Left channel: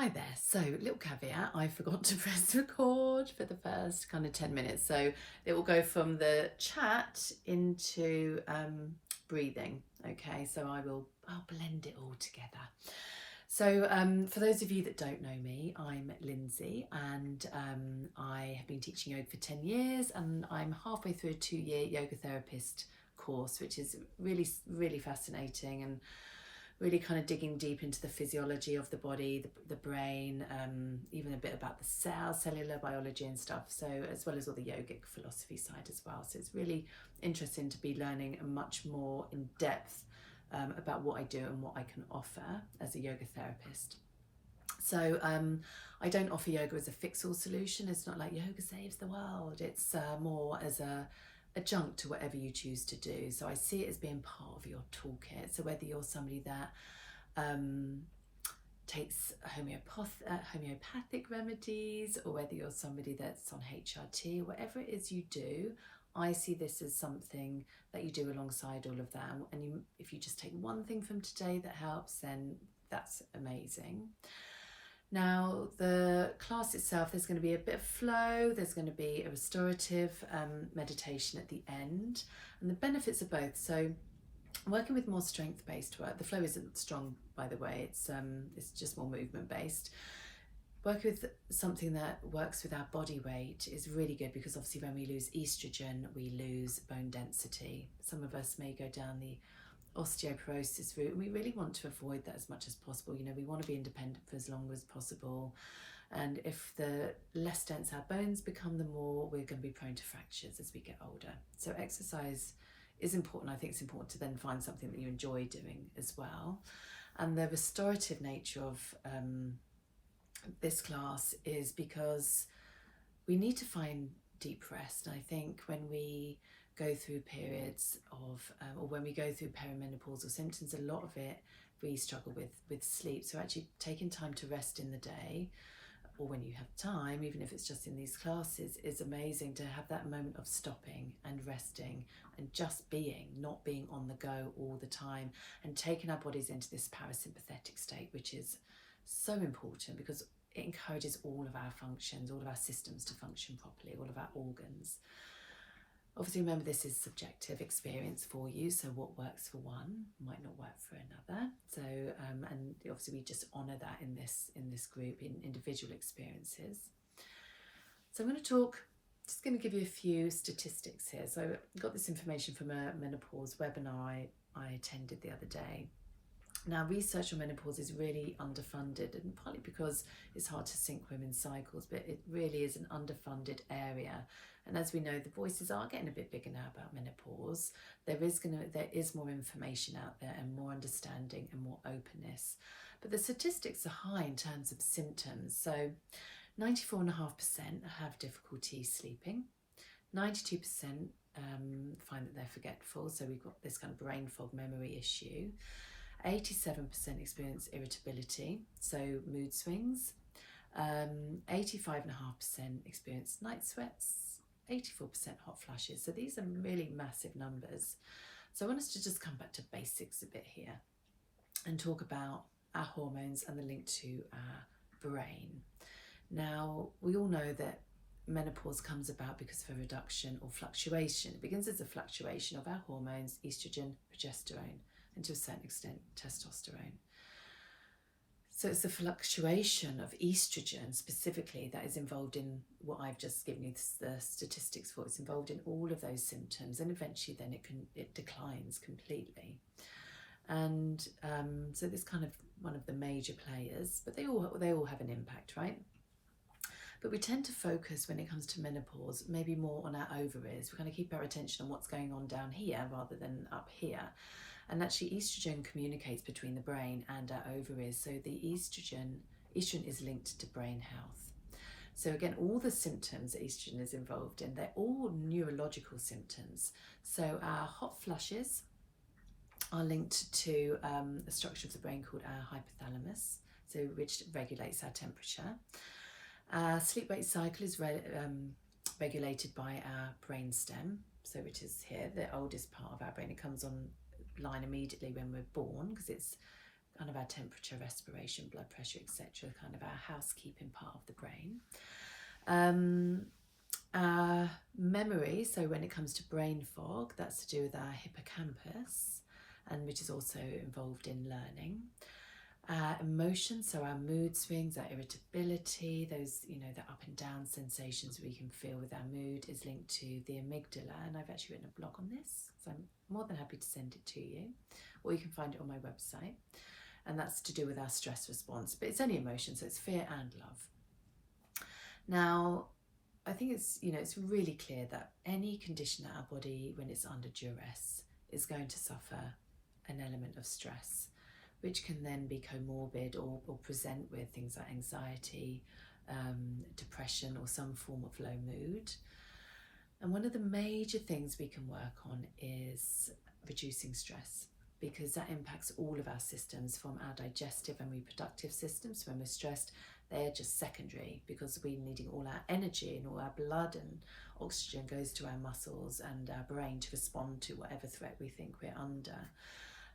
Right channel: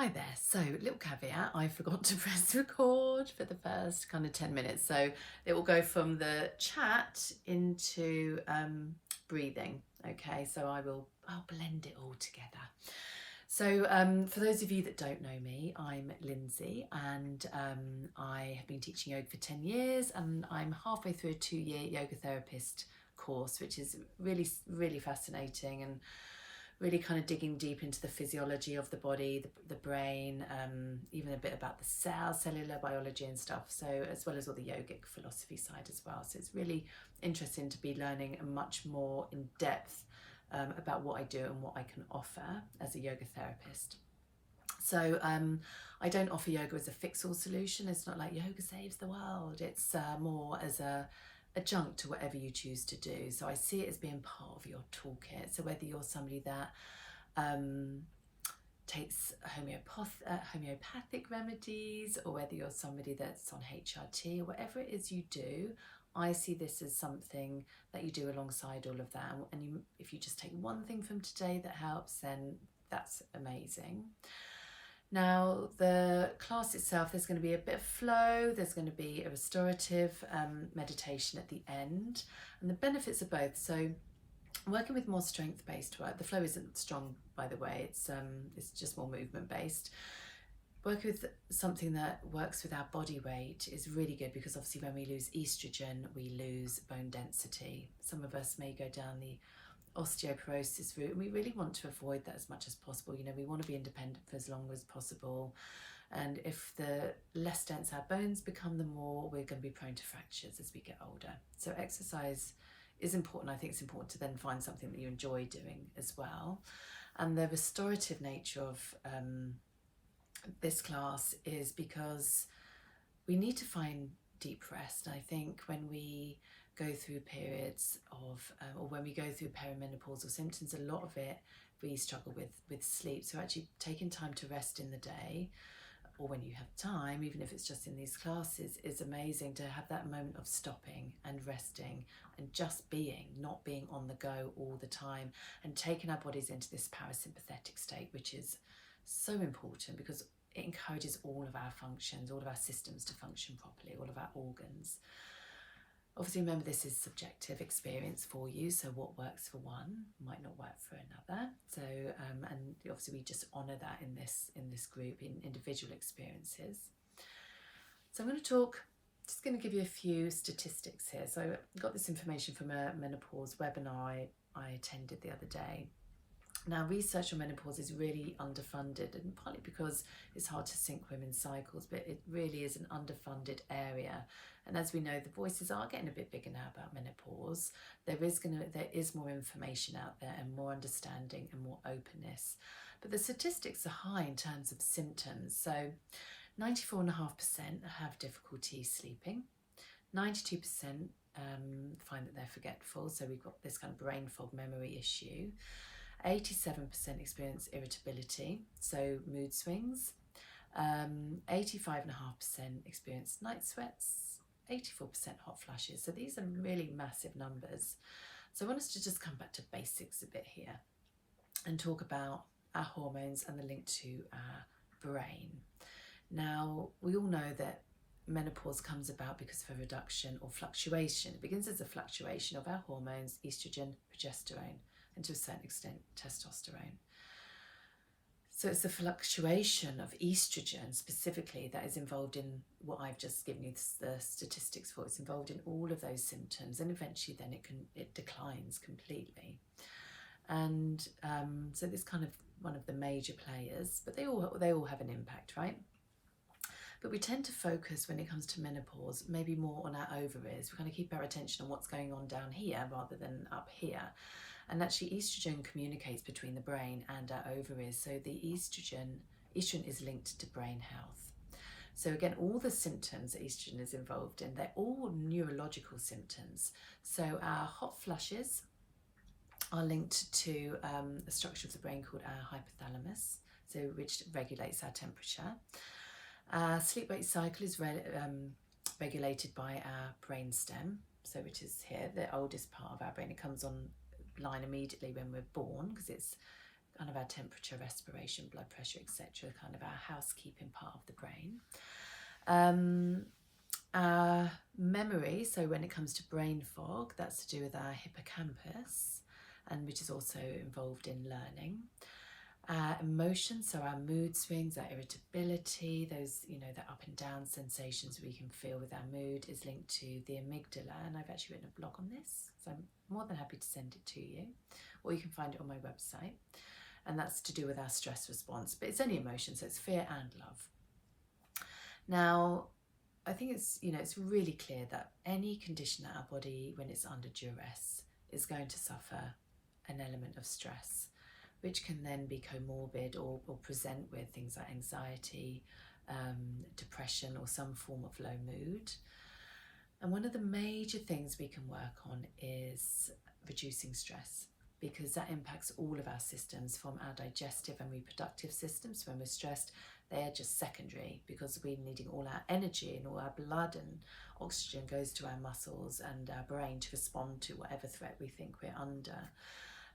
Hi there. So, little caveat, I forgot to press record for the first kind of 10 minutes. So, it will go from the chat into breathing. Okay, so I'll blend it all together. So, for those of you that don't know me, I'm Lindsey, and I have been teaching yoga for 10 years, and I'm halfway through a 2-year yoga therapist course, which is really, really fascinating and really kind of digging deep into the physiology of the body, the brain, even a bit about the cellular biology and stuff. So, as well as all the yogic philosophy side as well. So it's really interesting to be learning much more in depth about what I do and what I can offer as a yoga therapist. So I don't offer yoga as a fix-all solution. It's not like yoga saves the world. It's more as a adjunct to whatever you choose to do. So I see it as being part of your toolkit. So whether you're somebody that takes homeopathic remedies, or whether you're somebody that's on HRT, whatever it is you do, I see this as something that you do alongside all of that. And if you just take one thing from today that helps, then that's amazing. Now, the class itself, there's going to be a bit of flow, there's going to be a restorative meditation at the end, and the benefits of both. So working with more strength-based work, the flow isn't strong, by the way, it's just more movement-based. Working with something that works with our body weight is really good, because obviously when we lose estrogen, we lose bone density. Some of us may go down the osteoporosis route, and we really want to avoid that as much as possible. You know, we want to be independent for as long as possible, and if the less dense our bones become, the more we're going to be prone to fractures as we get older. So exercise is important. I think it's important to then find something that you enjoy doing as well. And the restorative nature of this class is because we need to find deep rest. And I think when we go through periods of, or when we go through perimenopausal symptoms, a lot of it we struggle with sleep. So actually taking time to rest in the day, or when you have time, even if it's just in these classes, is amazing, to have that moment of stopping and resting and just being, not being on the go all the time, and taking our bodies into this parasympathetic state, which is so important because it encourages all of our functions, all of our systems to function properly, all of our organs. Obviously, remember, this is subjective experience for you, so what works for one might not work for another. So, and obviously we just honour that in this group, in individual experiences. So I'm going to just going to give you a few statistics here. So I got this information from a menopause webinar I attended the other day. Now, research on menopause is really underfunded, and partly because it's hard to sync women's cycles, but it really is an underfunded area. And as we know, the voices are getting a bit bigger now about menopause. There is more information out there, and more understanding and more openness. But the statistics are high in terms of symptoms. So 94.5% have difficulty sleeping. 92% find that they're forgetful. So we've got this kind of brain fog memory issue. 87% experience irritability, so mood swings. 85.5% experience night sweats. 84% hot flashes. So these are really massive numbers. So I want us to just come back to basics a bit here and talk about our hormones and the link to our brain. Now, we all know that menopause comes about because of a reduction or fluctuation. It begins as a fluctuation of our hormones, estrogen, progesterone, and to a certain extent testosterone. So it's the fluctuation of estrogen specifically that is involved in what I've just given you the statistics for. It's involved in all of those symptoms, and eventually then it declines completely. And so this kind of one of the major players, but they all have an impact, right? But we tend to focus, when it comes to menopause, maybe more on our ovaries. We kind of keep our attention on what's going on down here rather than up here. And actually, estrogen communicates between the brain and our ovaries. So the estrogen is linked to brain health. So again, all the symptoms that estrogen is involved in, they're all neurological symptoms. So our hot flushes are linked to a structure of the brain called our hypothalamus, so which regulates our temperature. Our sleep-wake cycle is regulated by our brainstem, so which is here, the oldest part of our brain. It comes online immediately when we're born, because it's kind of our temperature, respiration, blood pressure, etc., kind of our housekeeping part of the brain. Our memory, so when it comes to brain fog, that's to do with our hippocampus, and which is also involved in learning. Our emotions, so our mood swings, our irritability, those, the up and down sensations we can feel with our mood, is linked to the amygdala, and I've actually written a blog on this, so I'm more than happy to send it to you, or you can find it on my website. And that's to do with our stress response, but it's only emotion, so it's fear and love. Now, I think it's really clear that any condition that our body, when it's under duress, is going to suffer an element of stress, which can then be comorbid or present with things like anxiety, depression, or some form of low mood. And one of the major things we can work on is reducing stress, because that impacts all of our systems, from our digestive and reproductive systems. When we're stressed, they're just secondary, because we're needing all our energy and all our blood and oxygen goes to our muscles and our brain to respond to whatever threat we think we're under.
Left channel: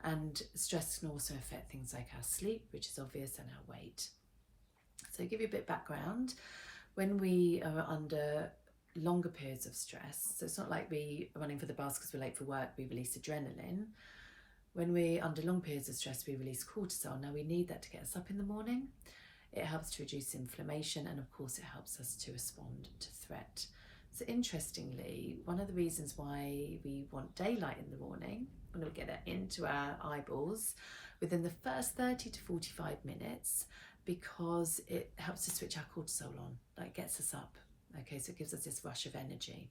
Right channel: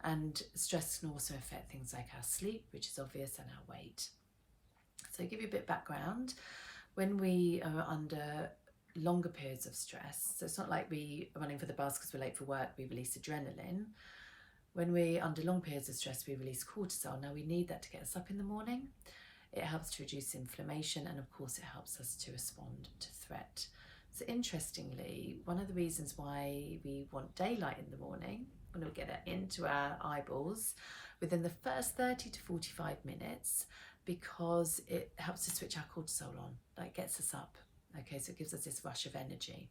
And stress can also affect things like our sleep, which is obvious, and our weight. So to give you a bit of background, when we are under longer periods of stress, so it's not like we are running for the bus because we're late for work, we release adrenaline. When we're under long periods of stress, we release cortisol. Now, we need that to get us up in the morning. It helps to reduce inflammation, and of course it helps us to respond to threat. So interestingly, one of the reasons why we want daylight in the morning, when we get it into our eyeballs within the first 30 to 45 minutes, because it helps to switch our cortisol on, like gets us up. Okay, so it gives us this rush of energy.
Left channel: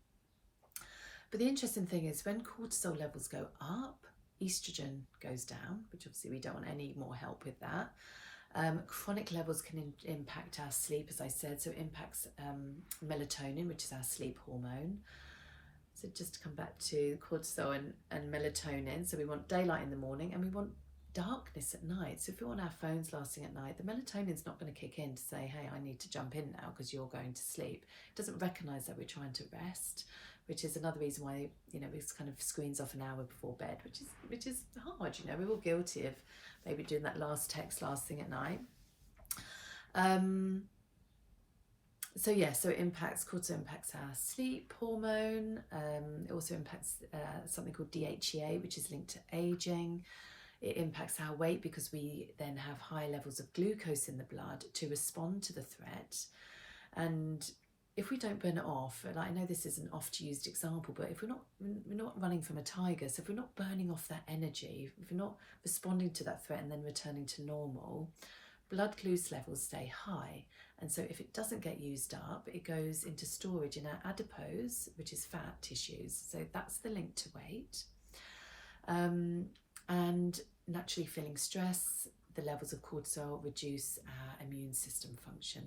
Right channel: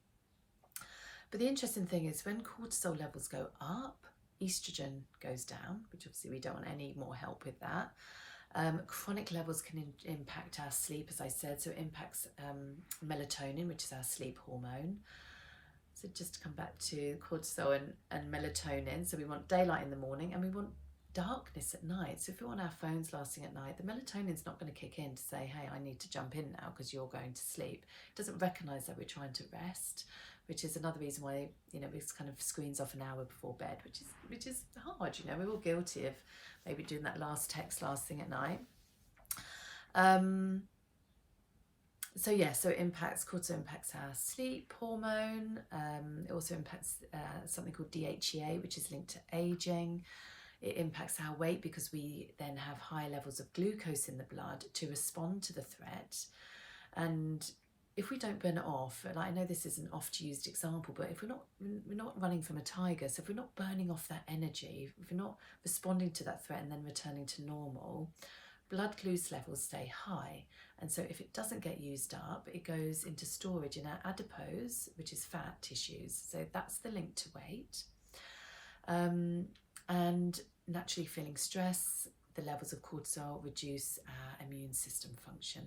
But the interesting thing is, when cortisol levels go up, estrogen goes down, which obviously we don't want any more help with that. Chronic levels can impact our sleep, as I said, so it impacts melatonin, which is our sleep hormone. So just to come back to cortisol and melatonin, so we want daylight in the morning and we want darkness at night. So if we're on our phones lasting at night, the melatonin's not going to kick in to say, hey, I need to jump in now because you're going to sleep. It doesn't recognise that we're trying to rest, which is another reason why, we kind of screens off an hour before bed, which is hard. We're all guilty of maybe doing that last text last thing at night. So it impacts, cortisol impacts our sleep hormone. It also impacts something called DHEA, which is linked to aging. It impacts our weight because we then have high levels of glucose in the blood to respond to the threat. And if we don't burn it off, and I know this is an oft-used example, but if we're not running from a tiger, so if we're not burning off that energy, if we're not responding to that threat and then returning to normal, blood glucose levels stay high. And so if it doesn't get used up, it goes into storage in our adipose, which is fat tissues. So that's the link to weight. And naturally, feeling stress, the levels of cortisol reduce our immune system function.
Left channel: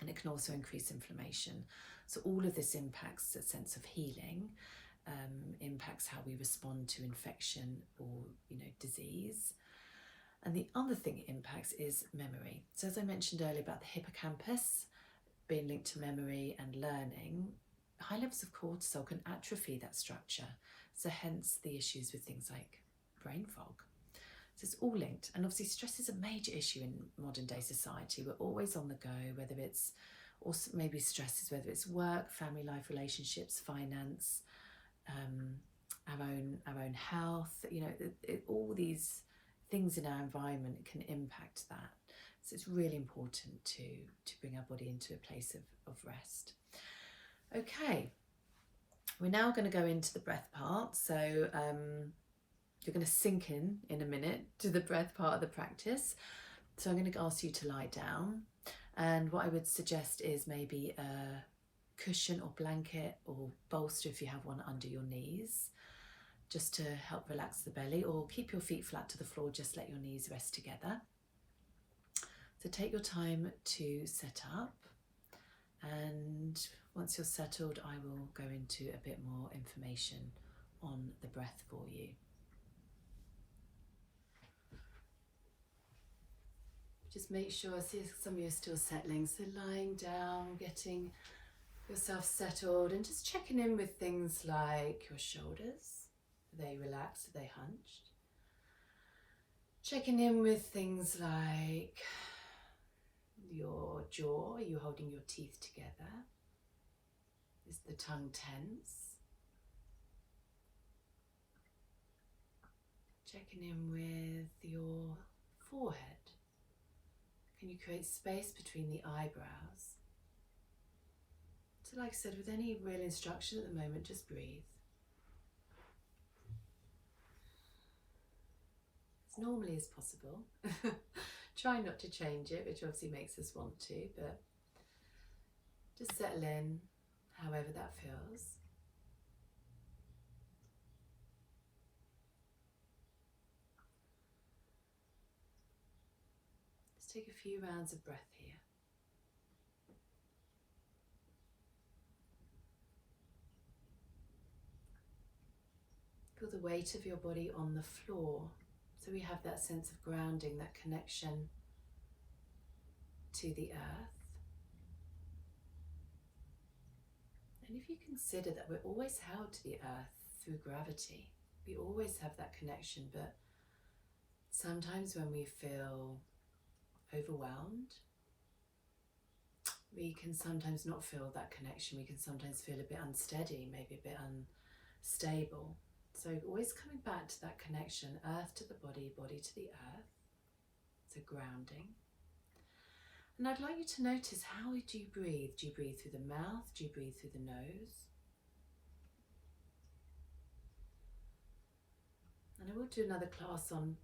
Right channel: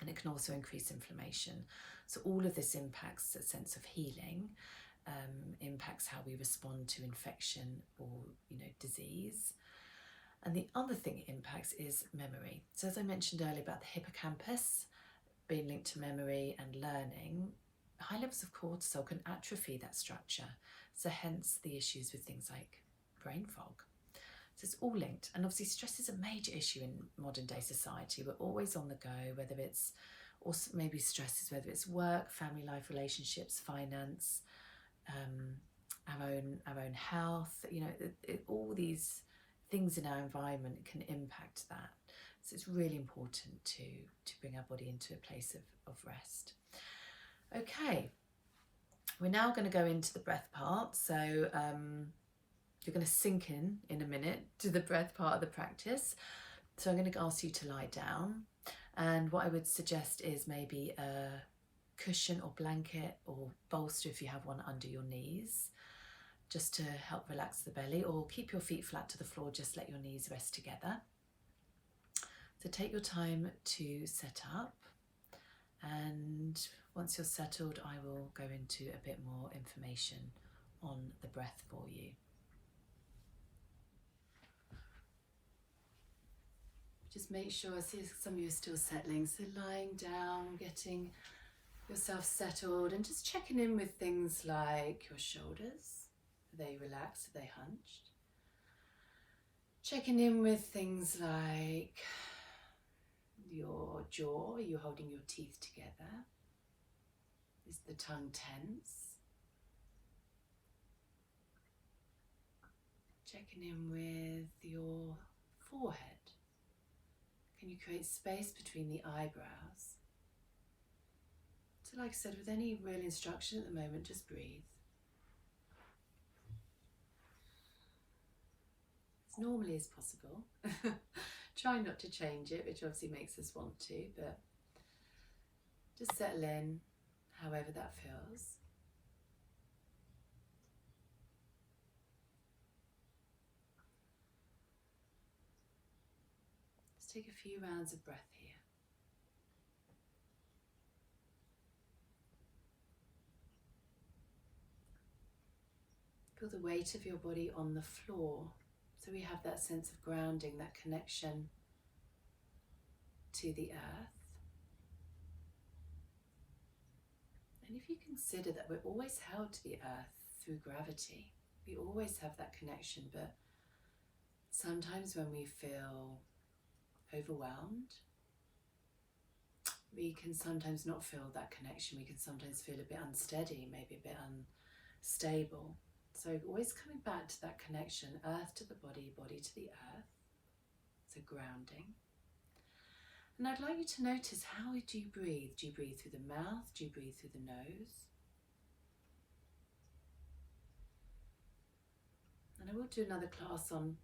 And it can also increase inflammation. So all of this impacts a sense of healing, impacts how we respond to infection or disease. And the other thing it impacts is memory. So as I mentioned earlier about the hippocampus being linked to memory and learning, high levels of cortisol can atrophy that structure. So hence the issues with things like brain fog. So it's all linked. And obviously stress is a major issue in modern day society. We're always on the go, whether it's also maybe stresses, whether it's work, family life, relationships, finance, our own health, all these things in our environment can impact that. So it's really important to bring our body into a place of rest. Okay, we're now going to go into the breath part. So you're going to sink in a minute to the breath part of the practice. So I'm going to ask you to lie down, and what I would suggest is maybe a cushion or blanket or bolster if you have one under your knees, just to help relax the belly, or keep your feet flat to the floor, just let your knees rest together. So take your time to set up, and once you're settled, I will go into a bit more information on the breath for you. Just make sure, I see some of you are still settling, so lying down, getting yourself settled, and just checking in with things like your shoulders. Are they relaxed? Are they hunched? Checking in with things like your jaw. Are you holding your teeth together? Is the tongue tense? Checking in with your forehead. Can you create space between the eyebrows? So like I said, with any real instruction at the moment, just breathe. As normally as possible. Try not to change it, which obviously makes us want to, but just settle in however that feels. Let's take a few rounds of breath here. Feel the weight of your body on the floor. So we have that sense of grounding, that connection to the earth. And if you consider that we're always held to the earth through gravity, we always have that connection, but sometimes when we feel overwhelmed, we can sometimes not feel that connection. We can sometimes feel a bit unsteady, maybe a bit unstable. So always coming back to that connection, earth to the body, body to the earth. So grounding. And I'd like you to notice, how do you breathe? Do you breathe through the mouth? Do you breathe through the nose? And I will do another class on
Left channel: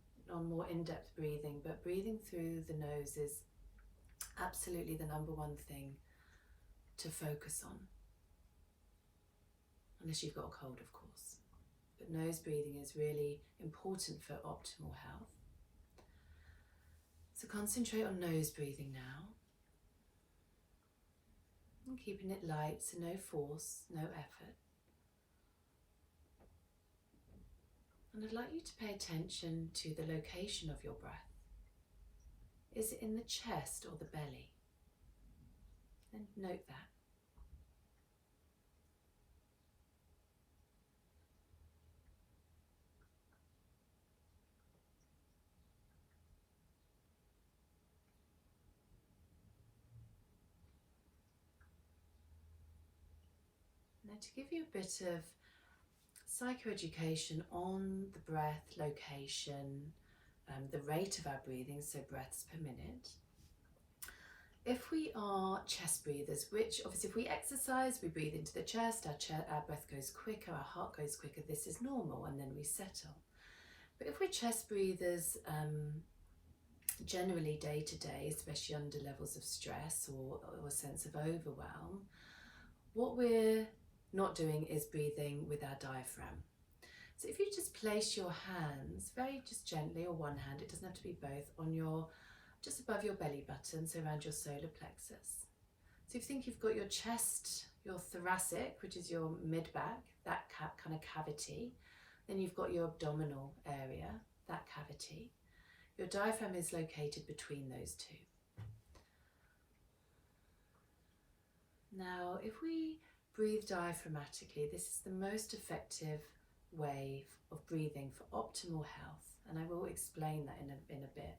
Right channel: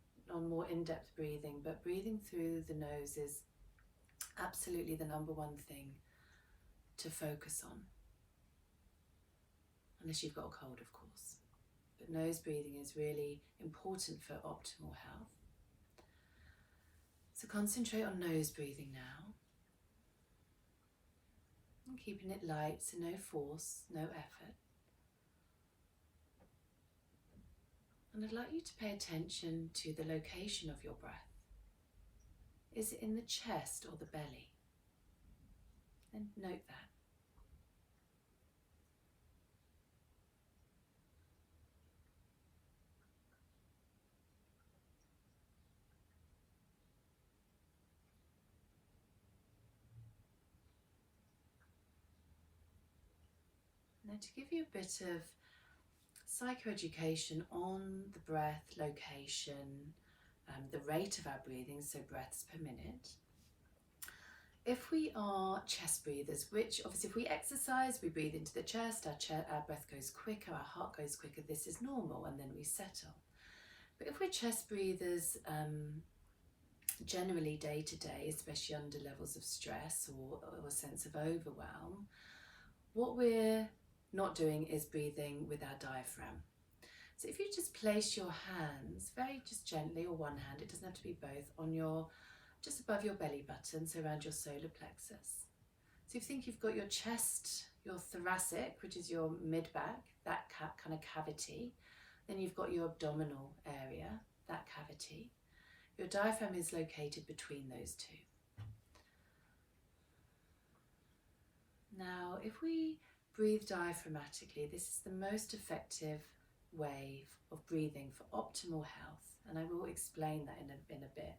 more in-depth breathing, but breathing through the nose is absolutely the number one thing to focus on. Unless you've got a cold, of course. But nose breathing is really important for optimal health. So concentrate on nose breathing now. And keeping it light, so no force, no effort. And I'd like you to pay attention to the location of your breath. Is it in the chest or the belly? And note that. Now, to give you a bit of psychoeducation on the breath, location, the rate of our breathing, so breaths per minute. If we are chest breathers, which obviously if we exercise, we breathe into the chest, our breath goes quicker, our heart goes quicker, this is normal, and then we settle. But if we're chest breathers, generally day to day, especially under levels of stress or a sense of overwhelm, what we're not doing is breathing with our diaphragm. So if you just place your hands very just gently, or one hand, it doesn't have to be both, on your, just above your belly button, so around your solar plexus. So if you think you've got your chest, your thoracic, which is your mid-back, that kind of cavity, then you've got your abdominal area, that cavity. Your diaphragm is located between those two. Now, if we breathe diaphragmatically, this is the most effective way of breathing for optimal health, and I will explain that in a bit.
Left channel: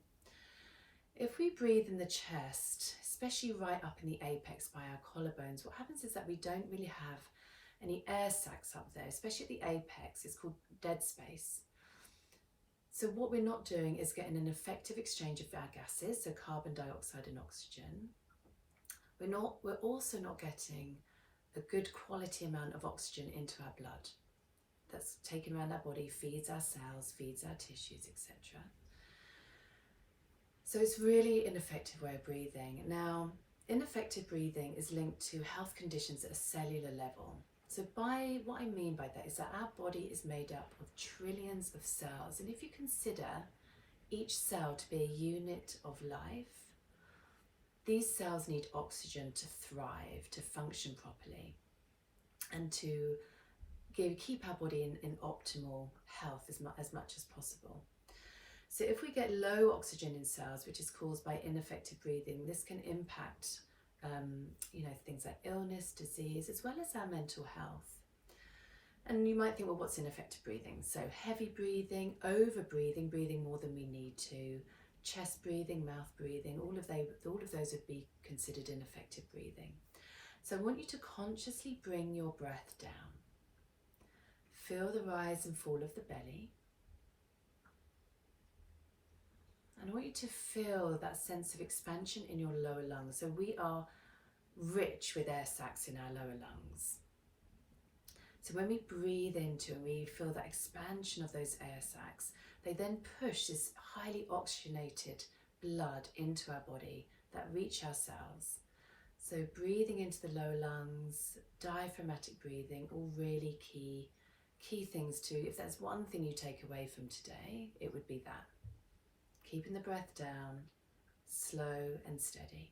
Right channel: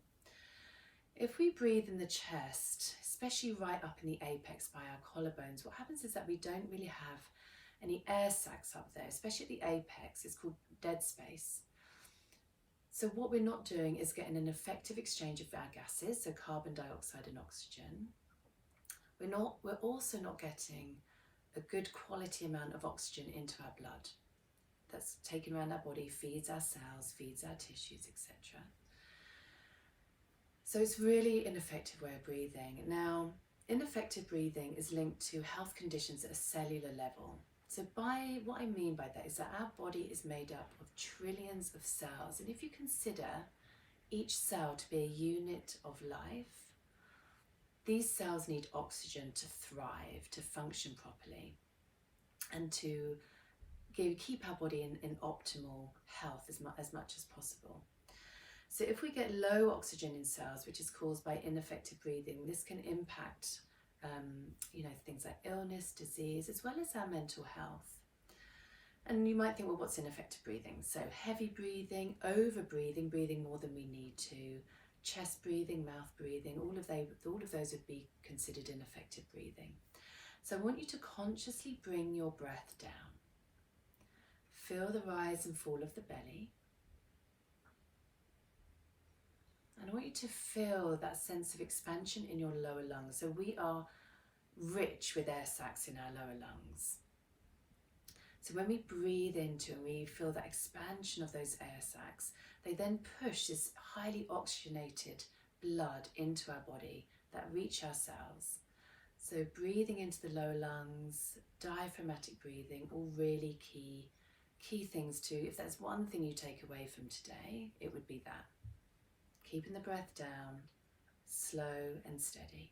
If we breathe in the chest, especially right up in the apex by our collarbones, what happens is that we don't really have any air sacs up there, especially at the apex. It's called dead space. So what we're not doing is getting an effective exchange of our gases, so carbon dioxide and oxygen. We're also not getting a good quality amount of oxygen into our blood. That's taken around our body, feeds our cells, feeds our tissues, etc. So it's really an ineffective way of breathing. Now, ineffective breathing is linked to health conditions at a cellular level. So what I mean by that is that our body is made up of trillions of cells. And if you consider each cell to be a unit of life, these cells need oxygen to thrive, to function properly, and to keep our body in optimal health as much as possible. So if we get low oxygen in cells, which is caused by ineffective breathing, this can impact things like illness, disease, as well as our mental health. And you might think, well, what's ineffective breathing? So heavy breathing, over breathing, breathing more than we need to, chest breathing, mouth breathing, all of those would be considered ineffective breathing. So I want you to consciously bring your breath down. Feel the rise and fall of the belly. And I want you to feel that sense of expansion in your lower lungs. So we are rich with air sacs in our lower lungs. So when we breathe into and we feel that expansion of those air sacs, they then push this highly oxygenated blood into our body that reach our cells. So breathing into the lower lungs, diaphragmatic breathing, all really key things too. If there's one thing you take away from today, it would be that. Keeping the breath down, slow and steady.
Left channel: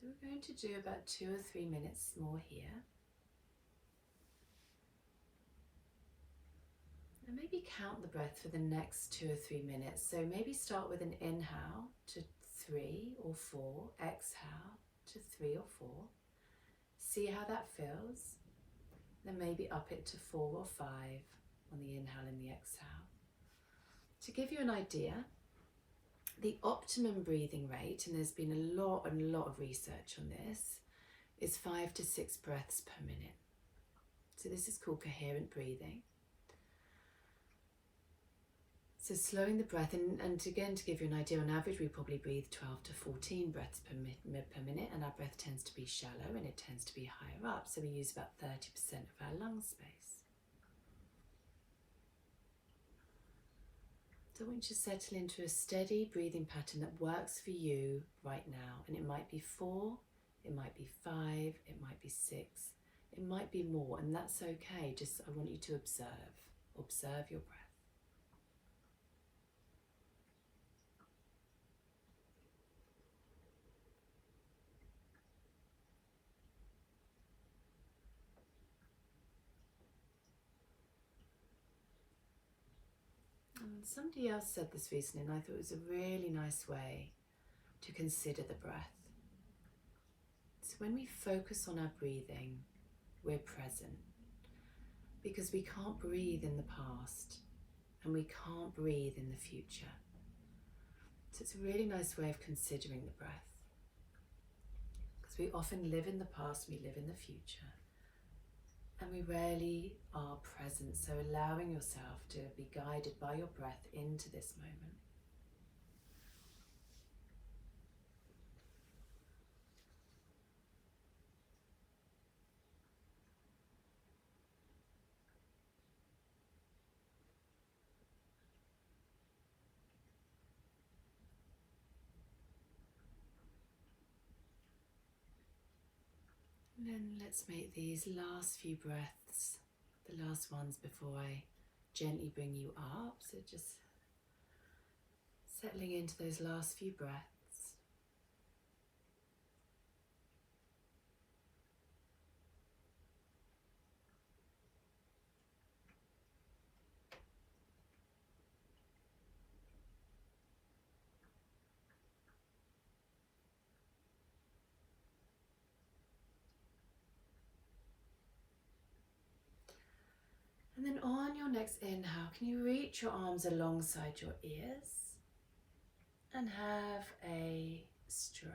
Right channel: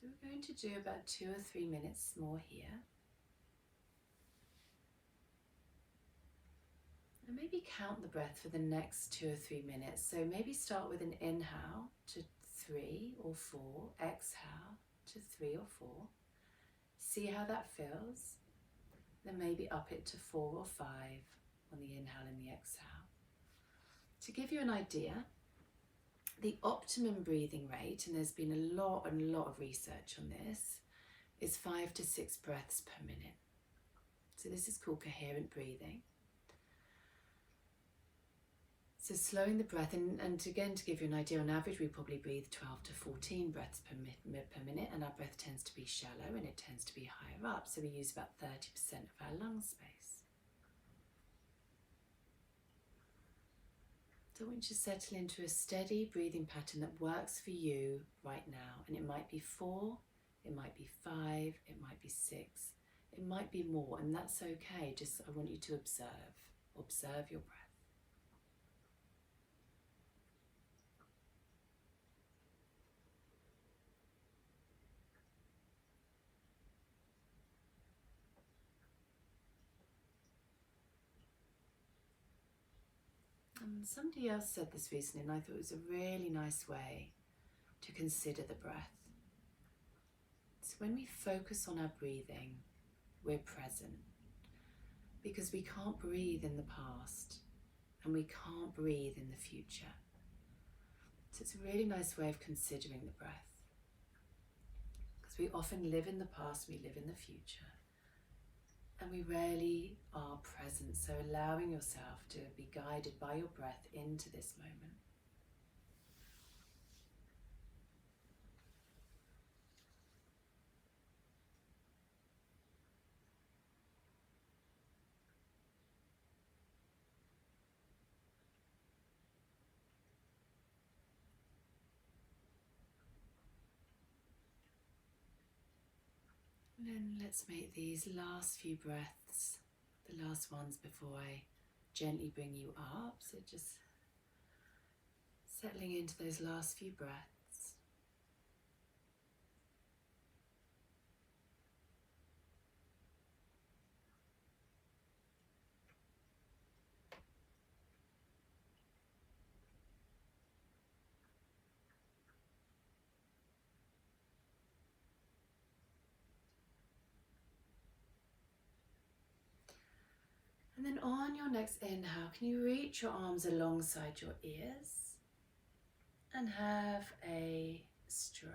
So we're going to do about 2 or 3 minutes more here. And maybe count the breath for the next 2 or 3 minutes. So maybe start with an inhale to 3 or 4, exhale to 3 or 4. See how that feels. Then maybe up it to 4 or 5 on the inhale and the exhale. To give you an idea, the optimum breathing rate, and there's been a lot of research on this, is 5 to 6 breaths per minute. So this is called coherent breathing. So slowing the breath, and again to give you an idea, on average we probably breathe 12 to 14 breaths per minute, and our breath tends to be shallow and it tends to be higher up, so we use about 30% of our lung space. So I want you to settle into a steady breathing pattern that works for you right now, and it might be 4, it might be 5, it might be 6, it might be more, and that's okay. Just I want you to observe your breath. And somebody else said this recently, and I thought it was a really nice way to consider the breath. So when we focus on our breathing, we're present, because we can't breathe in the past and we can't breathe in the future. So it's a really nice way of considering the breath, because we often live in the past, we live in the future, and we rarely are present. So allowing yourself to be guided by your breath into this moment. And then let's make these last few breaths the last ones before I gently bring you up. So just settling into those last few breaths. And then on your next inhale, can you reach your arms alongside your ears and have a stretch.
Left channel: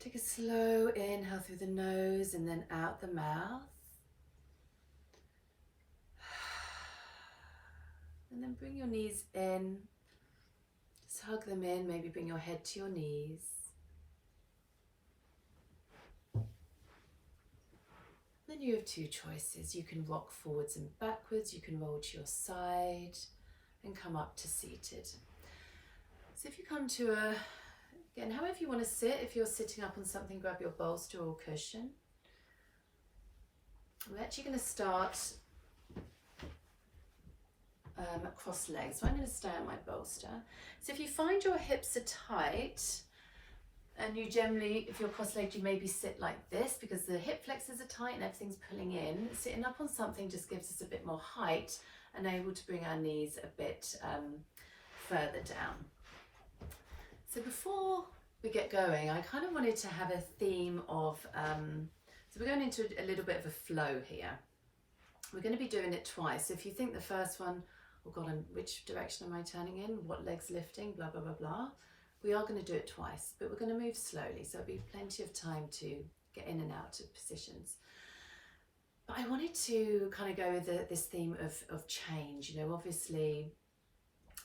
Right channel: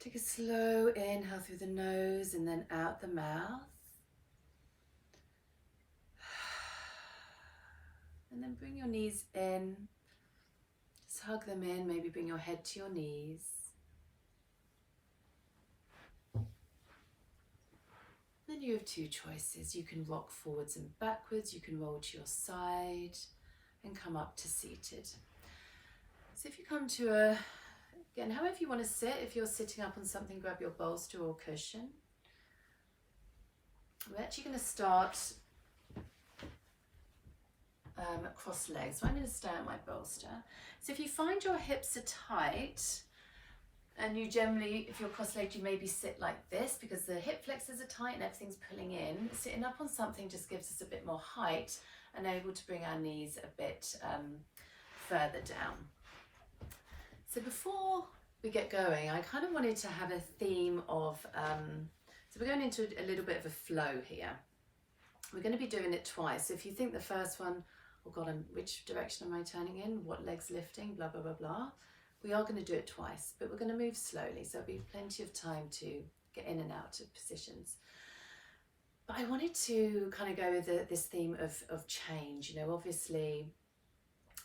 Take a slow inhale through the nose and then out the mouth. And then bring your knees in. Just hug them in, maybe bring your head to your knees. Then you have two choices. You can rock forwards and backwards, you can roll to your side and come up to seated. So if you come to again, however you want to sit, if you're sitting up on something, grab your bolster or cushion. We're actually going to start cross legs. So I'm going to stay on my bolster. So if you find your hips are tight, and you generally, if you're cross-legged, you maybe sit like this because the hip flexors are tight and everything's pulling in. Sitting up on something just gives us a bit more height and able to bring our knees a bit further down. So before we get going, I kind of wanted to have a theme of, so we're going into a little bit of a flow here. We're going to be doing it twice. So if you think the first one, oh God, which direction am I turning in? What leg's lifting? Blah, blah, blah, blah. We are going to do it twice, but we're going to move slowly. So there'll be plenty of time to get in and out of positions. But I wanted to kind of go with this theme of change. You know, obviously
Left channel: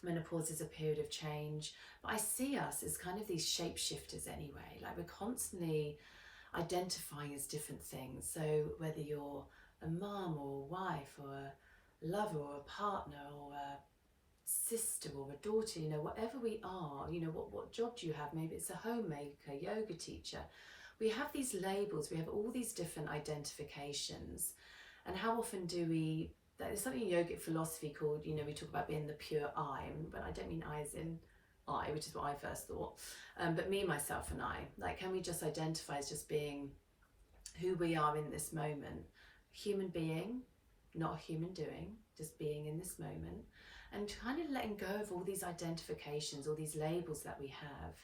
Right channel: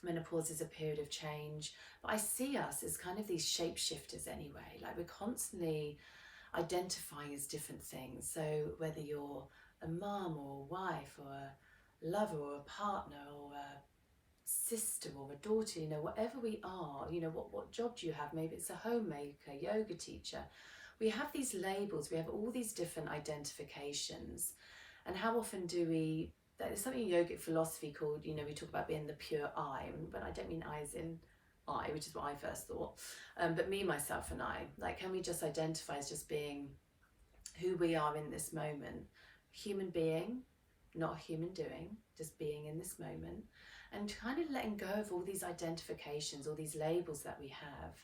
menopause is a period of change, but I see us as kind of these shapeshifters anyway. Like we're constantly identifying as different things. So whether you're a mum or a wife or a lover or a partner or a sister or a daughter, you know, whatever we are, you know, what job do you have? Maybe it's a homemaker, yoga teacher. We have these labels, we have all these different identifications. And how often do we, there's something in yogic philosophy called, you know, we talk about being the pure I, but I don't mean I as in I, which is what I first thought, but me, myself and I, like, can we just identify as just being who we are in this moment? Human being, not a human doing, just being in this moment, and kind of letting go of all these identifications, all these labels that we have.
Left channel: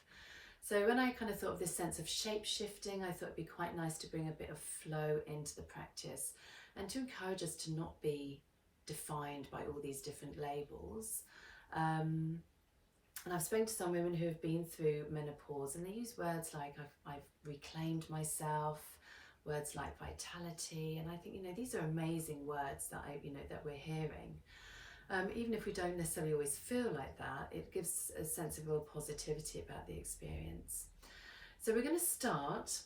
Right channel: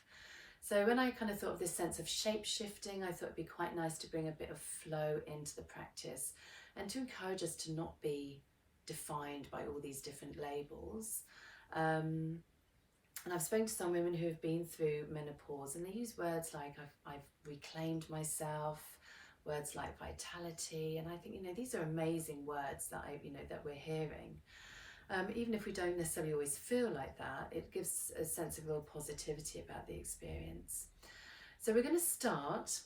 So when I kind of thought of this sense of shape shifting, I thought it'd be quite nice to bring a bit of flow into the practice and to encourage us to not be defined by all these different labels. And I've spoken to some women who have been through menopause, and they use words like I've reclaimed myself, words like vitality, and I think, you know, these are amazing words that that we're hearing. Even if we don't necessarily always feel like that, it gives a sense of real positivity about the experience. So we're going to start,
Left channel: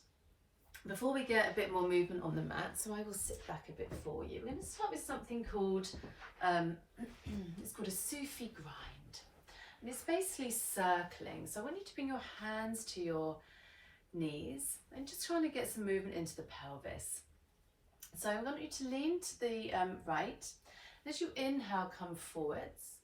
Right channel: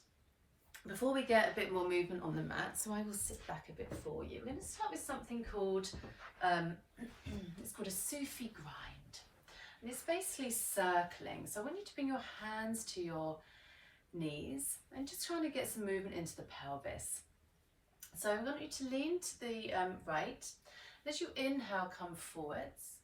before we get a bit more movement on the mat, so I will sit back a bit for you. We're going to start with something called, it's called a Sufi grind. And it's basically circling. So I want you to bring your hands to your knees and just trying to get some movement into the pelvis. So I want you to lean to the right. As you inhale, come forwards,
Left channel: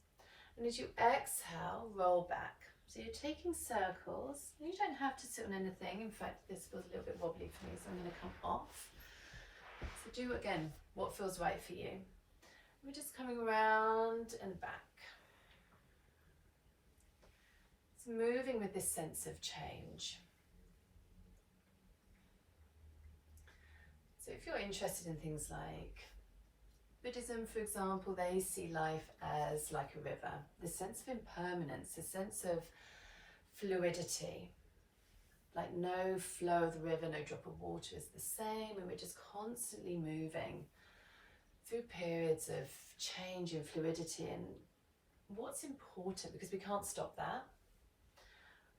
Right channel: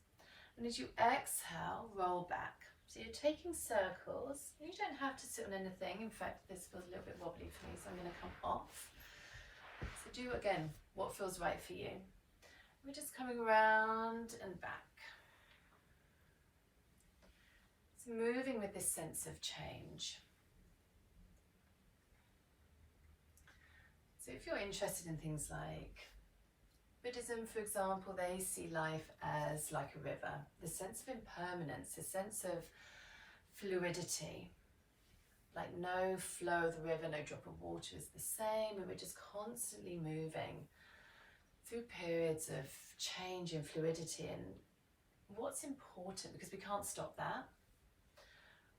and as you exhale, roll back. So you're taking circles. You don't have to sit on anything. In fact, this feels a little bit wobbly for me, so I'm going to come off. So do again what feels right for you. We're just coming around and back. So moving with this sense of change. So if you're interested in things like Buddhism, for example, they see life as like a river. The sense of impermanence, the sense of fluidity, like no flow of the river, no drop of water is the same, and we're just constantly moving through periods of change and fluidity. And what's important, because we can't stop that,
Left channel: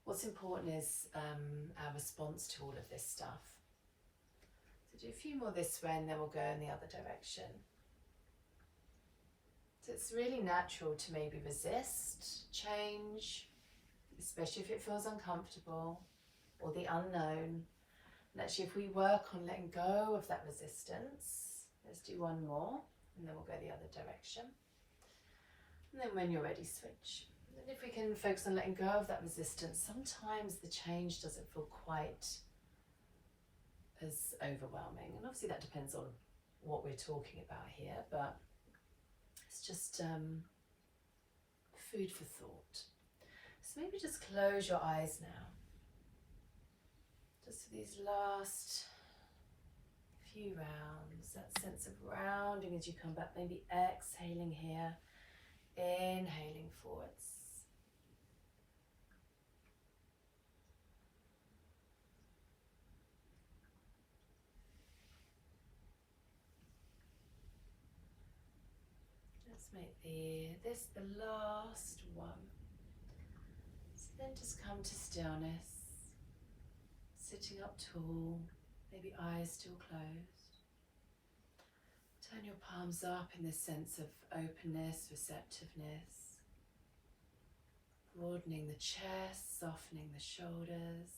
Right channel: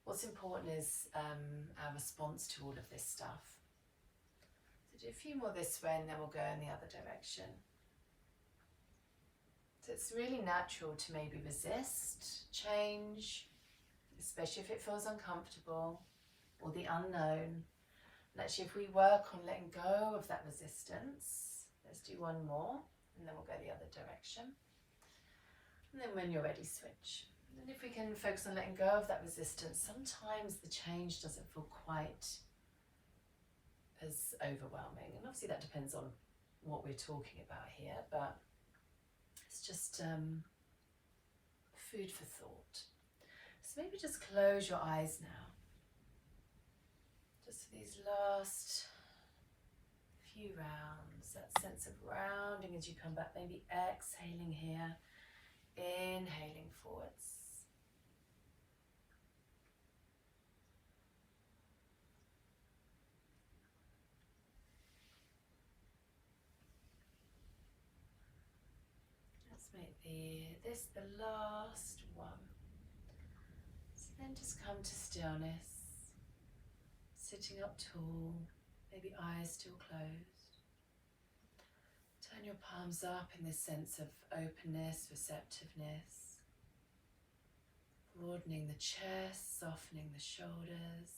what's important is our response to all of this stuff. So do a few more this way, and then we'll go in the other direction. So it's really natural to maybe resist change, especially if it feels uncomfortable or the unknown. And actually, if we work on letting go of that resistance, let's do one more, and then we'll go the other direction. And then when you're ready, switch. And if we can focus on letting go of that resistance, sometimes the change doesn't feel quite as overwhelming. And obviously that depends on what we're talking about here, but it's just food for thought. So maybe just close your eyes now. Just for these last few rounds, that sense of rounding as you come back, maybe exhaling here, inhaling forwards. Let's make this the last one. So then just come to stillness, sitting up tall, maybe eyes still closed. Turn your palms up in this sense of openness, receptiveness, broadening the chest, softening the shoulders.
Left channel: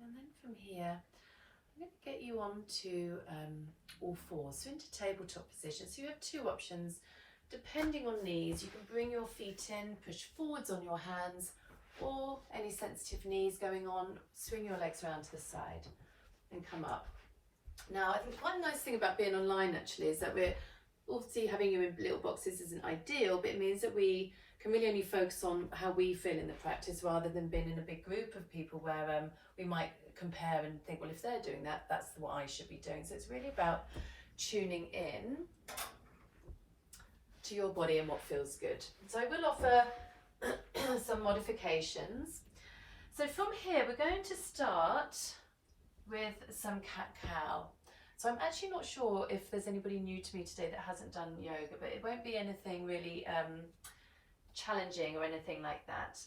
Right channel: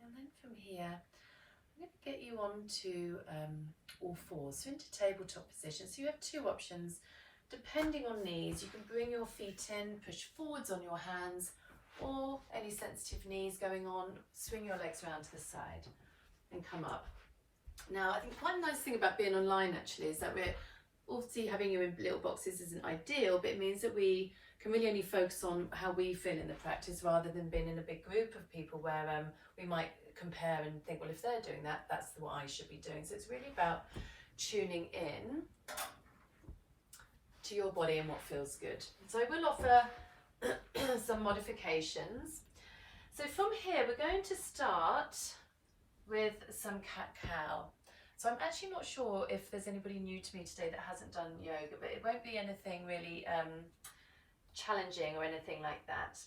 And then from here, I'm going to get you onto all fours, so into tabletop position. So you have two options. Depending on knees, you can bring your feet in, push forwards on your hands, or any sensitive knees going on, swing your legs around to the side and come up. Now, I think quite a nice thing about being online actually is that we're obviously having you in little boxes isn't ideal, but it means that we can really only focus on how we feel in the practice rather than being in a big group of people where we might compare and think, well, if they're doing that, that's what I should be doing. So it's really about tuning in to your body and what feels good. So I will offer some modifications. So from here, we're going to start with some cat-cow. So I'm actually not sure if there's anybody new to me today that hasn't done yoga, but it won't be anything really challenging or anything like that.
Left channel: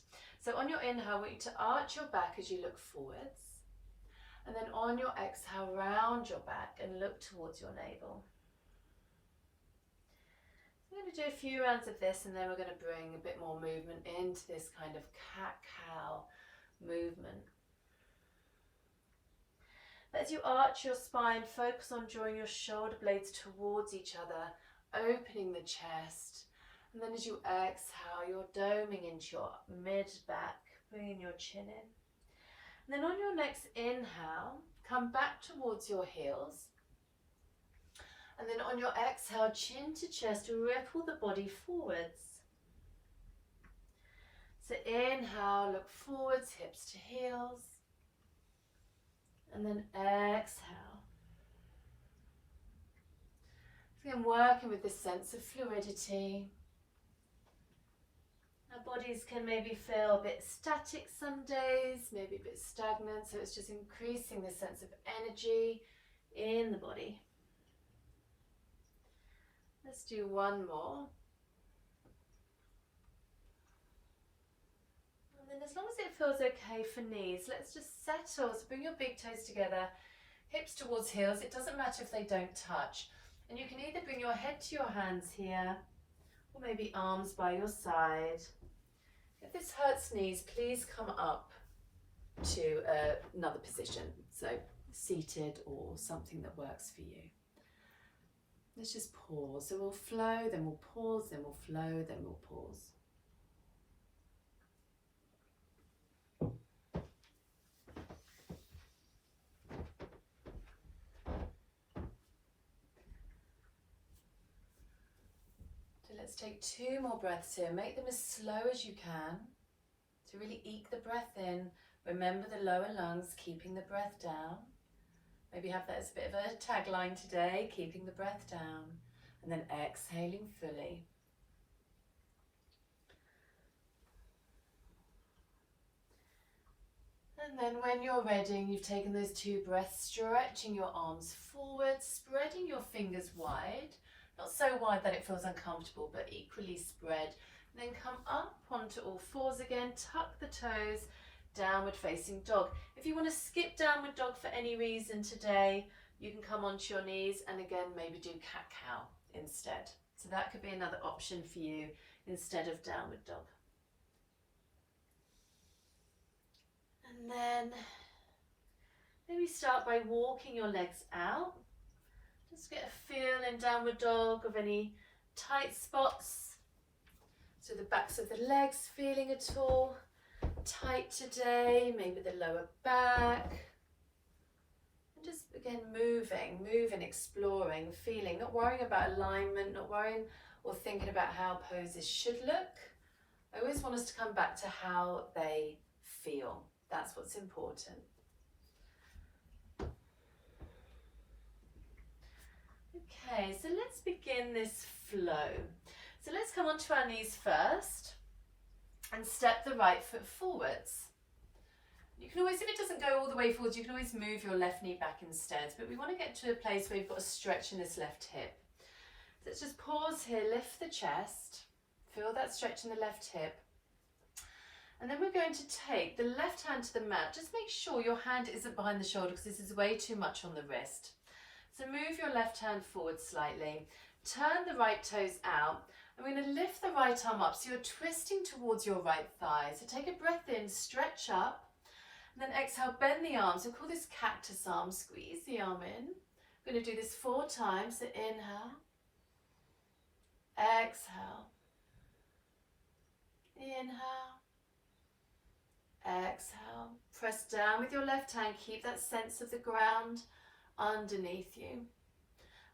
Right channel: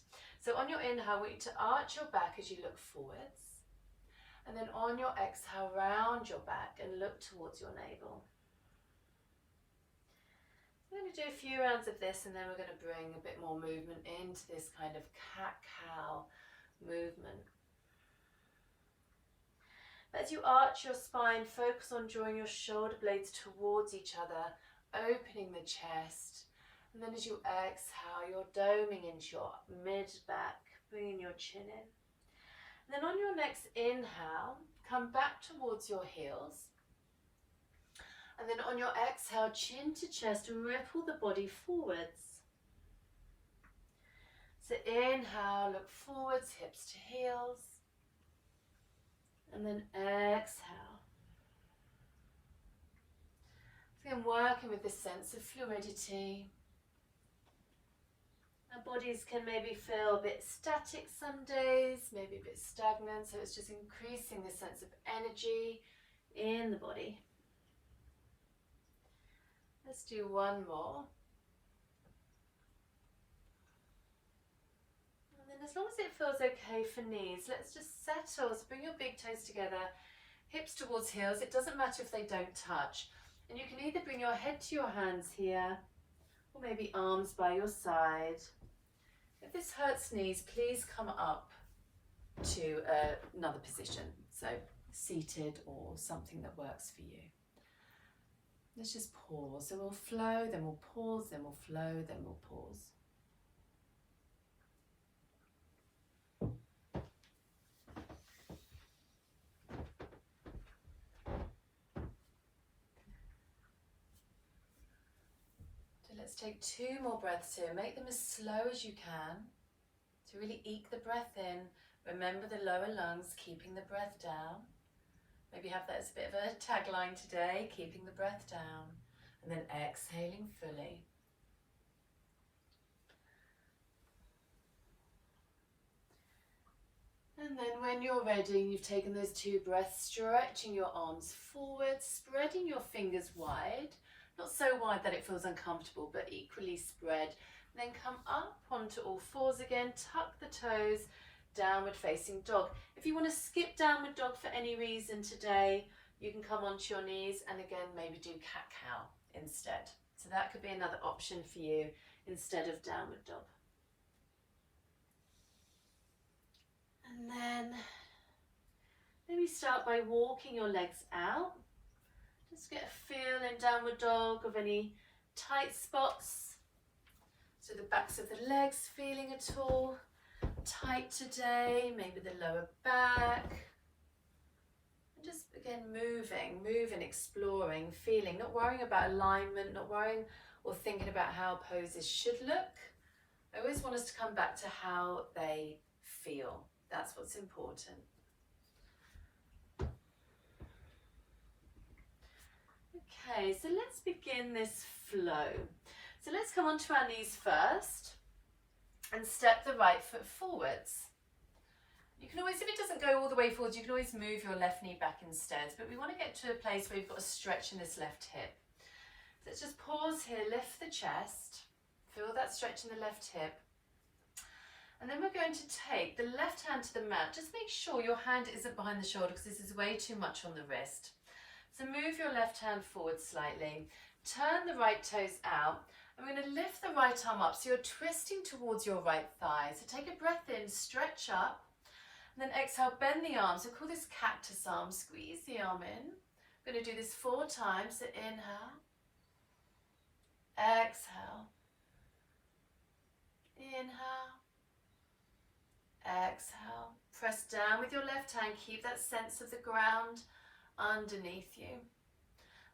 So on your inhale, I want you to arch your back as you look forwards. And then on your exhale, round your back and look towards your navel. I'm going to do a few rounds of this, and then we're going to bring a bit more movement into this kind of cat-cow movement. As you arch your spine, focus on drawing your shoulder blades towards each other, opening the chest. And then as you exhale, you're doming into your mid-back, bringing your chin in. And then on your next inhale, come back towards your heels. And then on your exhale, chin to chest, ripple the body forwards. So inhale, look forwards, hips to heels. And then exhale. So I'm working with this sense of fluidity. Our bodies can maybe feel a bit static some days, maybe a bit stagnant, so it's just increasing the sense of energy in the body. Let's do one more. And then as long as it feels okay for knees, let's just settle. So bring your big toes together, hips towards heels. It doesn't matter if they don't touch. And you can either bring your head to your hands here, or maybe arms by your side. If this hurts knees, please come up to another position. So seated or something that works for you. Let's just pause. So we'll flow, then we'll pause, then we'll flow, then we'll pause. So let's take 2 more breaths here. Make them as slow as you can to really eke the breath in. Remember the lower lungs, keeping the breath down. Maybe have that as a bit of a tagline today, keeping the breath down, and then exhaling fully. And then when you're ready, you've taken those 2 breaths, stretching your arms forward, spreading your fingers wide, not so wide that it feels uncomfortable, but equally spread. And then come up onto all fours again, tuck the toes, downward facing dog. If you want to skip downward dog for any reason today, you can come onto your knees and again maybe do cat-cow instead. So that could be another option for you instead of downward dog. And then maybe start by walking your legs out. Just get a feel in downward dog of any tight spots. So the backs of the legs feeling at all tight today, maybe the lower back. And just again moving, exploring, feeling, not worrying about alignment, not worrying or thinking about how poses should look. I always want us to come back to how they feel. That's what's important. Okay, so let's begin this flow. So let's come onto our knees first and step the right foot forwards. You can always, if it doesn't go all the way forwards, you can always move your left knee back instead, but we want to get to a place where you've got a stretch in this left hip. So let's just pause here, lift the chest, feel that stretch in the left hip. And then we're going to take the left hand to the mat. Just make sure your hand isn't behind the shoulder because this is way too much on the wrist. So move your left hand forward slightly. Turn the right toes out. And we're going to lift the right arm up. So you're twisting towards your right thigh. So take a breath in, stretch up. And then exhale, bend the arm. So call this cactus arm. Squeeze the arm in. We're going to do this 4 times. So inhale. Exhale. Inhale. Exhale. Press down with your left hand. Keep that sense of the ground underneath you.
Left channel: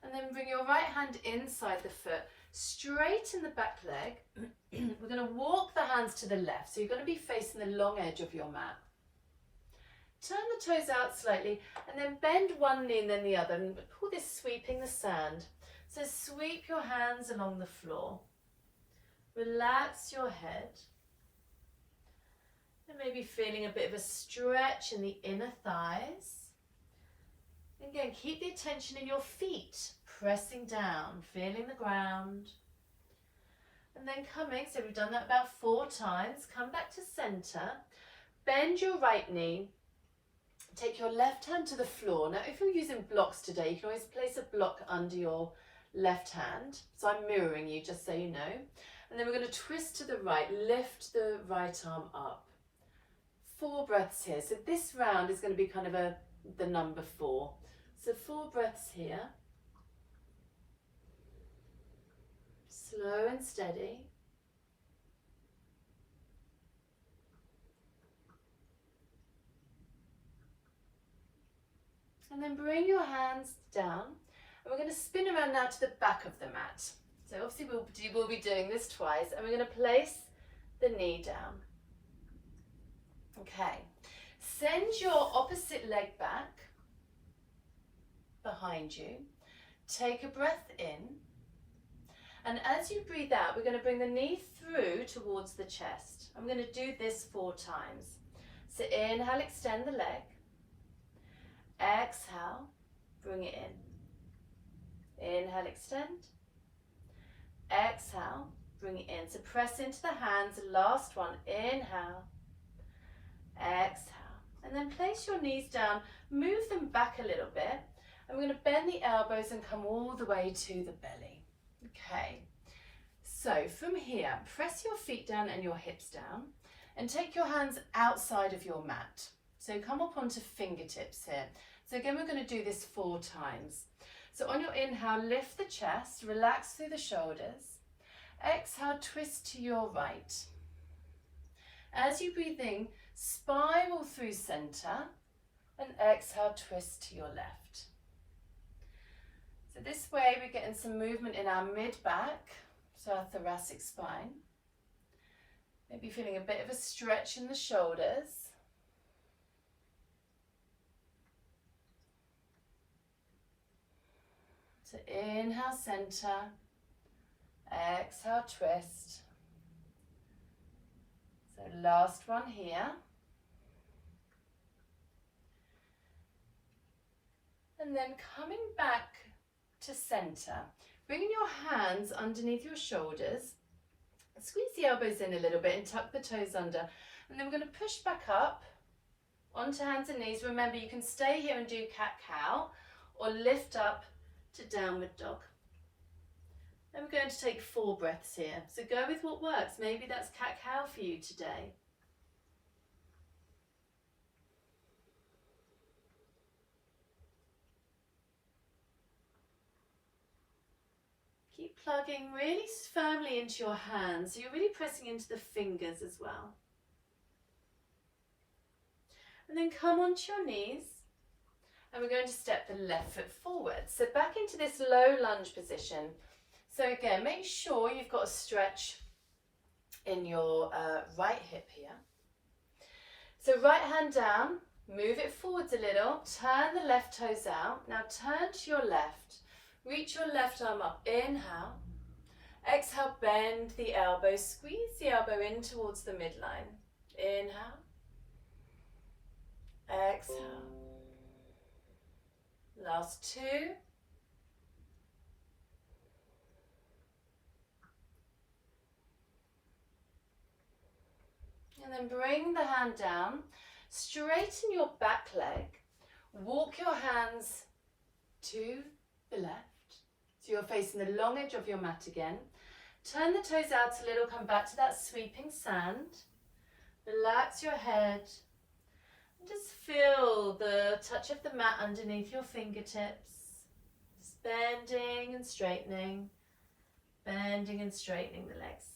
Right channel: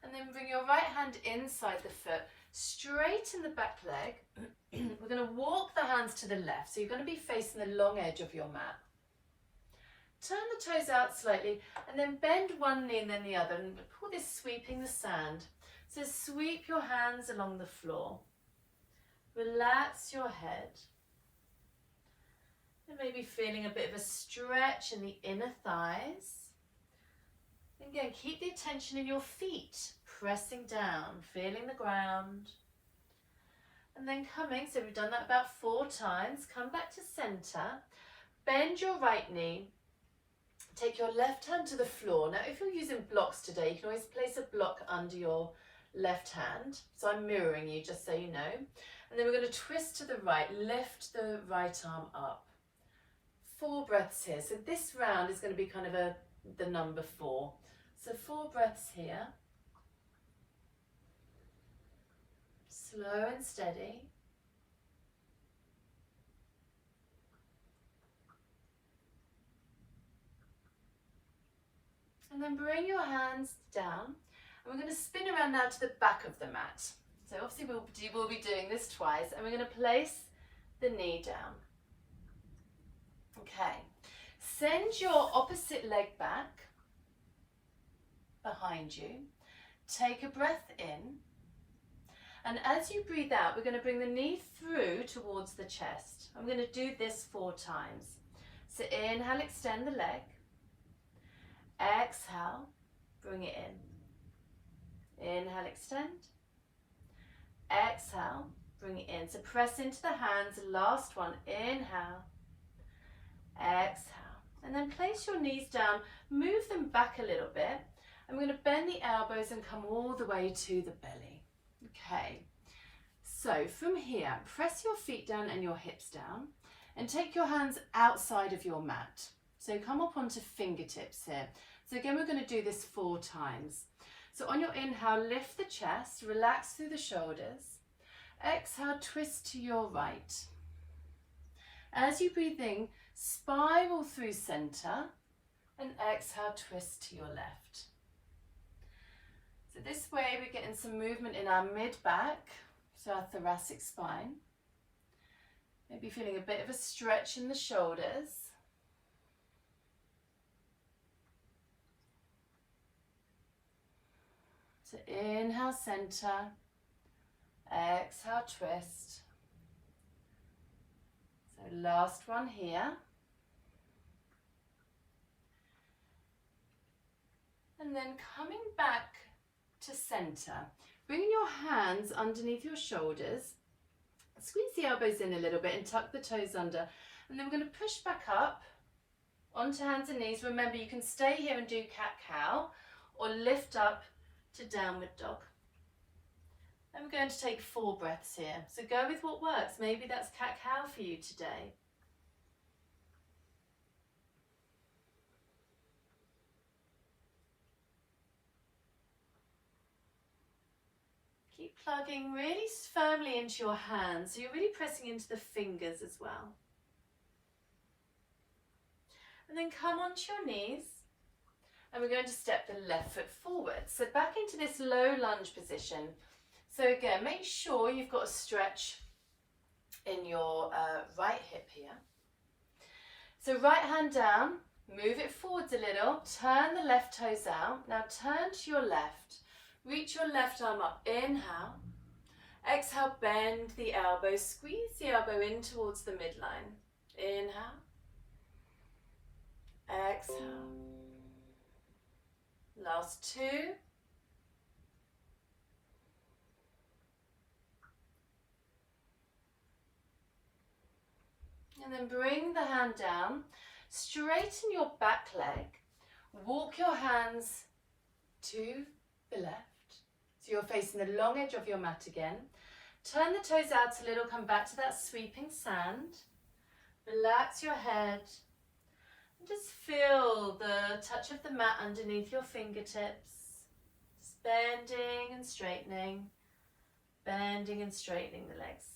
And then bring your right hand inside the foot, straighten the back leg. We're going to walk the hands to the left, so you're going to be facing the long edge of your mat. Turn the toes out slightly and then bend one knee and then the other and call this sweeping the sand. So sweep your hands along the floor. Relax your head. And maybe feeling a bit of a stretch in the inner thighs. Again, keep the attention in your feet, pressing down, feeling the ground. And then coming, so we've done that about 4 times, come back to center, bend your right knee, take your left hand to the floor. Now, if you're using blocks today, you can always place a block under your left hand. So I'm mirroring you, just so you know. And then we're going to twist to the right, lift the right arm up. 4 breaths here. So this round is going to be kind of the number 4. So 4 breaths here. Slow and steady. And then bring your hands down. And we're going to spin around now to the back of the mat. So obviously we'll be doing this twice. And we're going to place the knee down. Okay. Send your opposite leg back behind you. Take a breath in. And as you breathe out, we're going to bring the knee through towards the chest. I'm going to do this 4 times. So inhale, extend the leg. Exhale, bring it in. Inhale, extend. Exhale, bring it in. So press into the hands. Last one. Inhale. Exhale. And then place your knees down. Move them back a little bit. And we're going to bend the elbows and come all the way to the belly. Okay. So from here, press your feet down and your hips down. And take your hands outside of your mat. So come up onto fingertips here. So again, we're going to do this 4 times. So on your inhale, lift the chest, relax through the shoulders. Exhale, twist to your right. As you breathe in, spiral through center, and exhale, twist to your left. So this way we're getting some movement in our mid-back, so our thoracic spine. Maybe feeling a bit of a stretch in the shoulders. So inhale, center, exhale, twist. So last one here. And then coming back to center, bringing your hands underneath your shoulders, squeeze the elbows in a little bit and tuck the toes under. And then we're going to push back up onto hands and knees. Remember, you can stay here and do cat-cow or lift up to downward dog. And we're going to take 4 breaths here. So go with what works. Maybe that's cat-cow for you today. Keep plugging really firmly into your hands. So you're really pressing into the fingers as well. And then come onto your knees. And we're going to step the left foot forward. So back into this low lunge position. So again, make sure you've got a stretch in your right hip here. So right hand down, move it forwards a little, turn the left toes out. Now turn to your left. Reach your left arm up, inhale. Exhale, bend the elbow, squeeze the elbow in towards the midline. Inhale. Exhale. Last 2. And then bring the hand down, straighten your back leg, walk your hands to the left. So you're facing the long edge of your mat again. Turn the toes out a little, come back to that sweeping sand. Relax your head. Just feel the touch of the mat underneath your fingertips. Just bending and straightening the legs.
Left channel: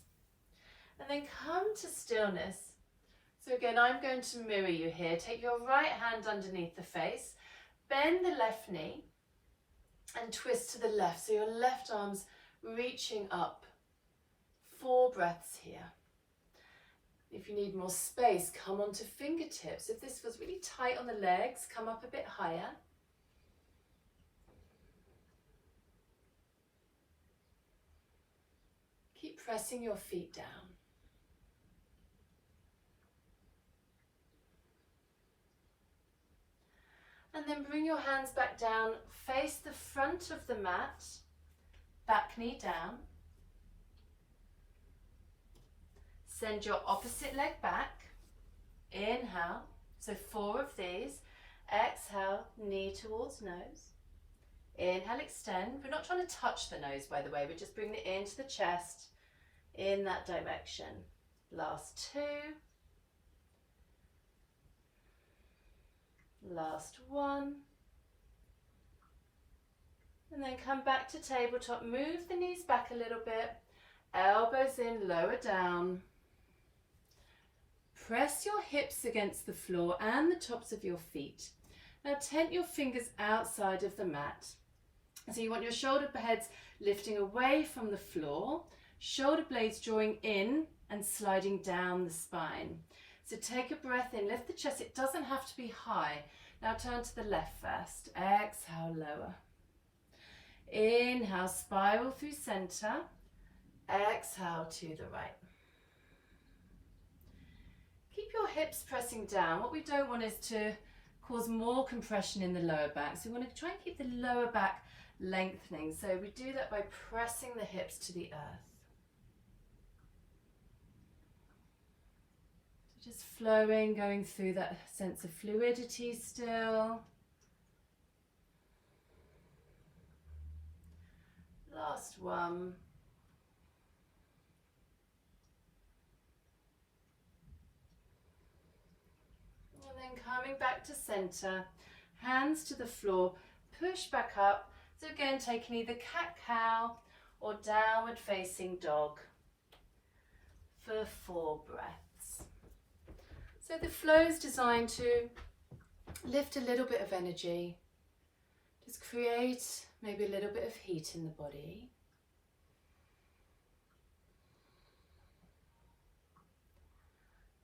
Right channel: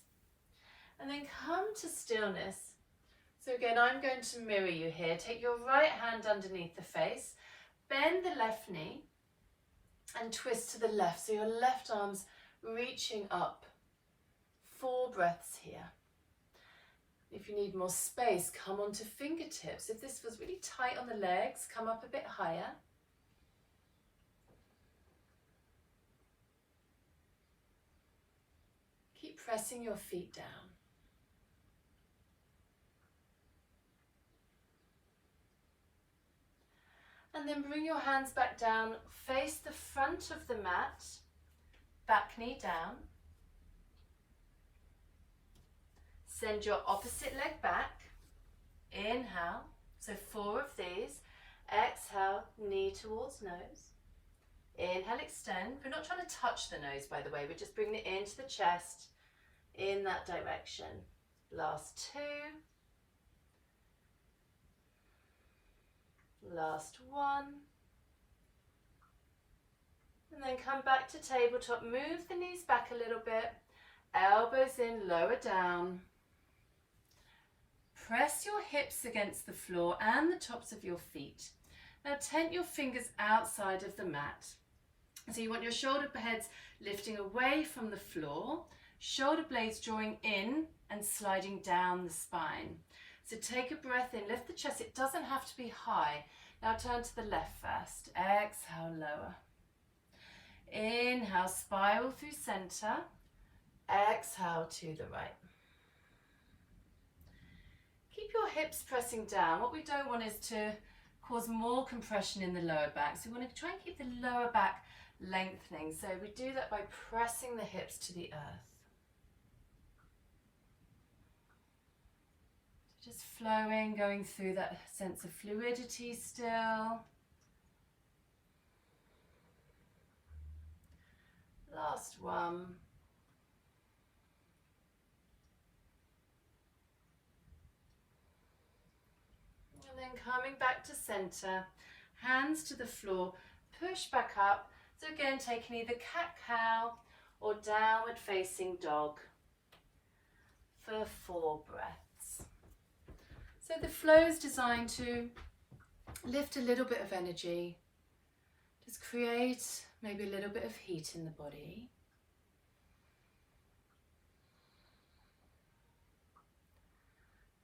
And then come to stillness. So again, I'm going to mirror you here. Take your right hand underneath the face. Bend the left knee and twist to the left. So your left arm's reaching up. 4 breaths here. If you need more space, come onto fingertips. If this feels really tight on the legs, come up a bit higher. Keep pressing your feet down. And then bring your hands back down, face the front of the mat, back knee down. Send your opposite leg back. Inhale, so 4 of these. Exhale, knee towards nose. Inhale, extend. We're not trying to touch the nose, by the way. We're just bringing it into the chest in that direction. Last 2. Last 1. And then come back to tabletop. Move the knees back a little bit. Elbows in, lower down. Press your hips against the floor and the tops of your feet. Now tent your fingers outside of the mat. So you want your shoulder heads lifting away from the floor, shoulder blades drawing in and sliding down the spine. So take a breath in, lift the chest. It doesn't have to be high. Now turn to the left first. Exhale, lower. Inhale, spiral through center. Exhale to the right. Keep your hips pressing down. What we don't want is to cause more compression in the lower back. So we want to try and keep the lower back lengthening. So we do that by pressing the hips to the earth. So just flowing, going through that sense of fluidity still. Last one. And then coming back to center, hands to the floor, push back up. So again, taking either cat-cow or downward facing dog for 4 breaths. So the flow is designed to lift a little bit of energy, just create maybe a little bit of heat in the body.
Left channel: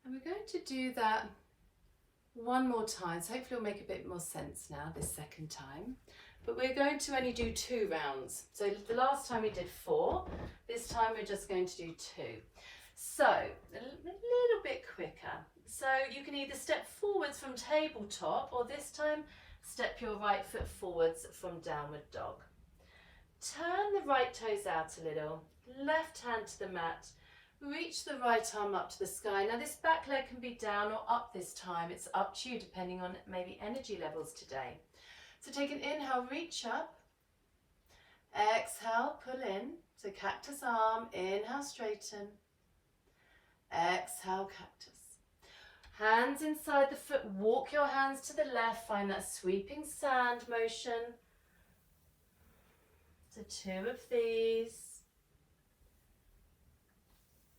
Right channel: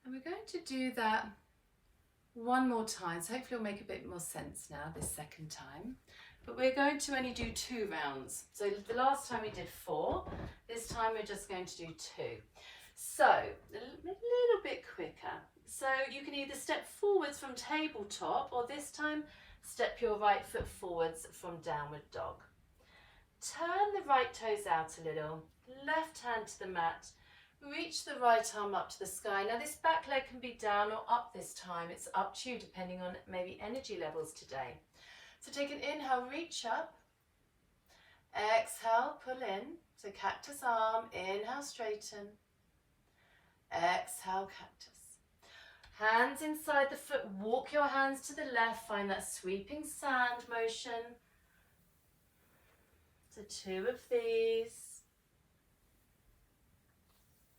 And we're going to do that 1 more time, so hopefully it'll make a bit more sense now this second time. But we're going to only do 2 rounds. So the last time we did 4, this time we're just going to do 2. So a little bit quicker. So you can either step forwards from tabletop, or this time step your right foot forwards from downward dog. Turn the right toes out a little, left hand to the mat. Reach the right arm up to the sky. Now this back leg can be down or up this time. It's up to you depending on maybe energy levels today. So take an inhale, reach up. Exhale, pull in. So cactus arm, inhale, straighten. Exhale, cactus. Hands inside the foot, walk your hands to the left. Find that sweeping sand motion. So 2 of these.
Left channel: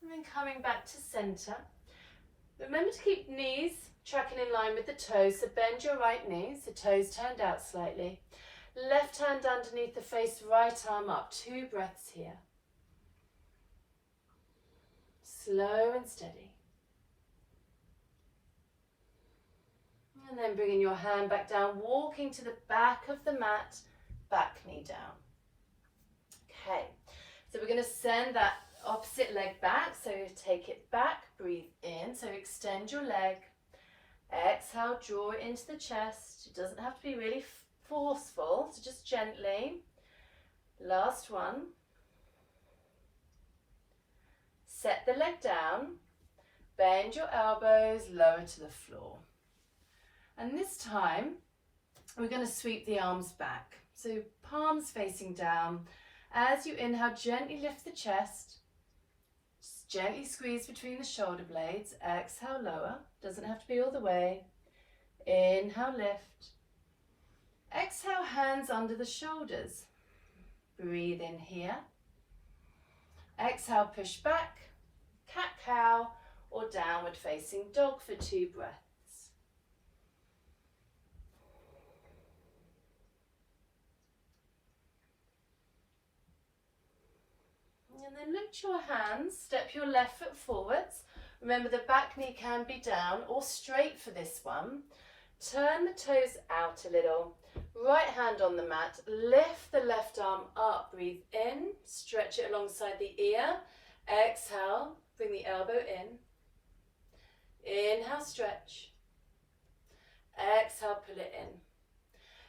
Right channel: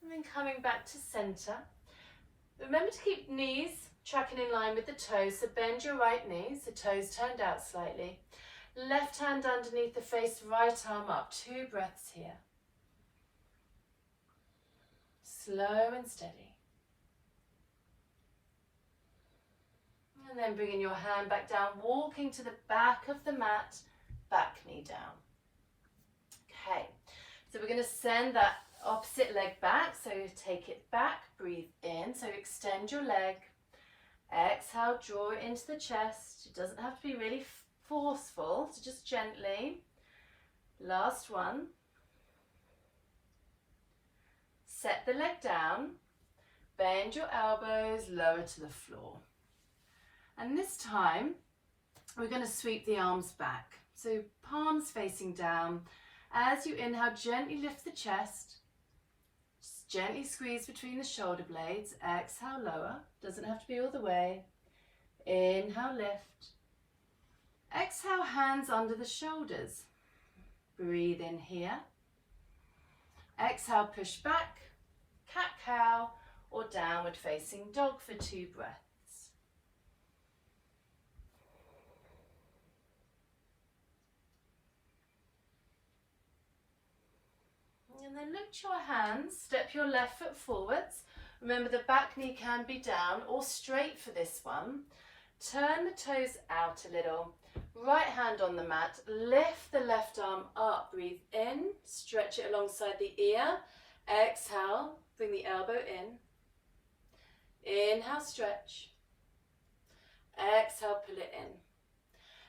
And then coming back to center. Remember to keep knees tracking in line with the toes. So bend your right knee, so toes turned out slightly. Left hand underneath the face, right arm up. 2 breaths here. Slow and steady. And then bringing your hand back down, walking to the back of the mat, back knee down. Okay, so we're going to send that opposite leg back, so take it back, breathe in, so extend your leg, exhale, draw it into the chest. It doesn't have to be really forceful, so just gently. Last one. Set the leg down, bend your elbows, lower to the floor. And this time, we're going to sweep the arms back. So palms facing down. As you inhale, gently lift the chest. Just gently squeeze between the shoulder blades. Exhale, lower. Doesn't have to be all the way. Inhale, lift. Exhale, hands under the shoulders. Breathe in here. Exhale, push back. Cat-cow or downward facing dog for 2 breaths. And then lift your hands, step your left foot forwards. Remember the back knee can be down or straight for this one. Turn the toes out a little. Right hand on the mat, lift the left arm up, breathe in, stretch it alongside the ear. Exhale, bring the elbow in. Inhale, stretch. Exhale, pull it in.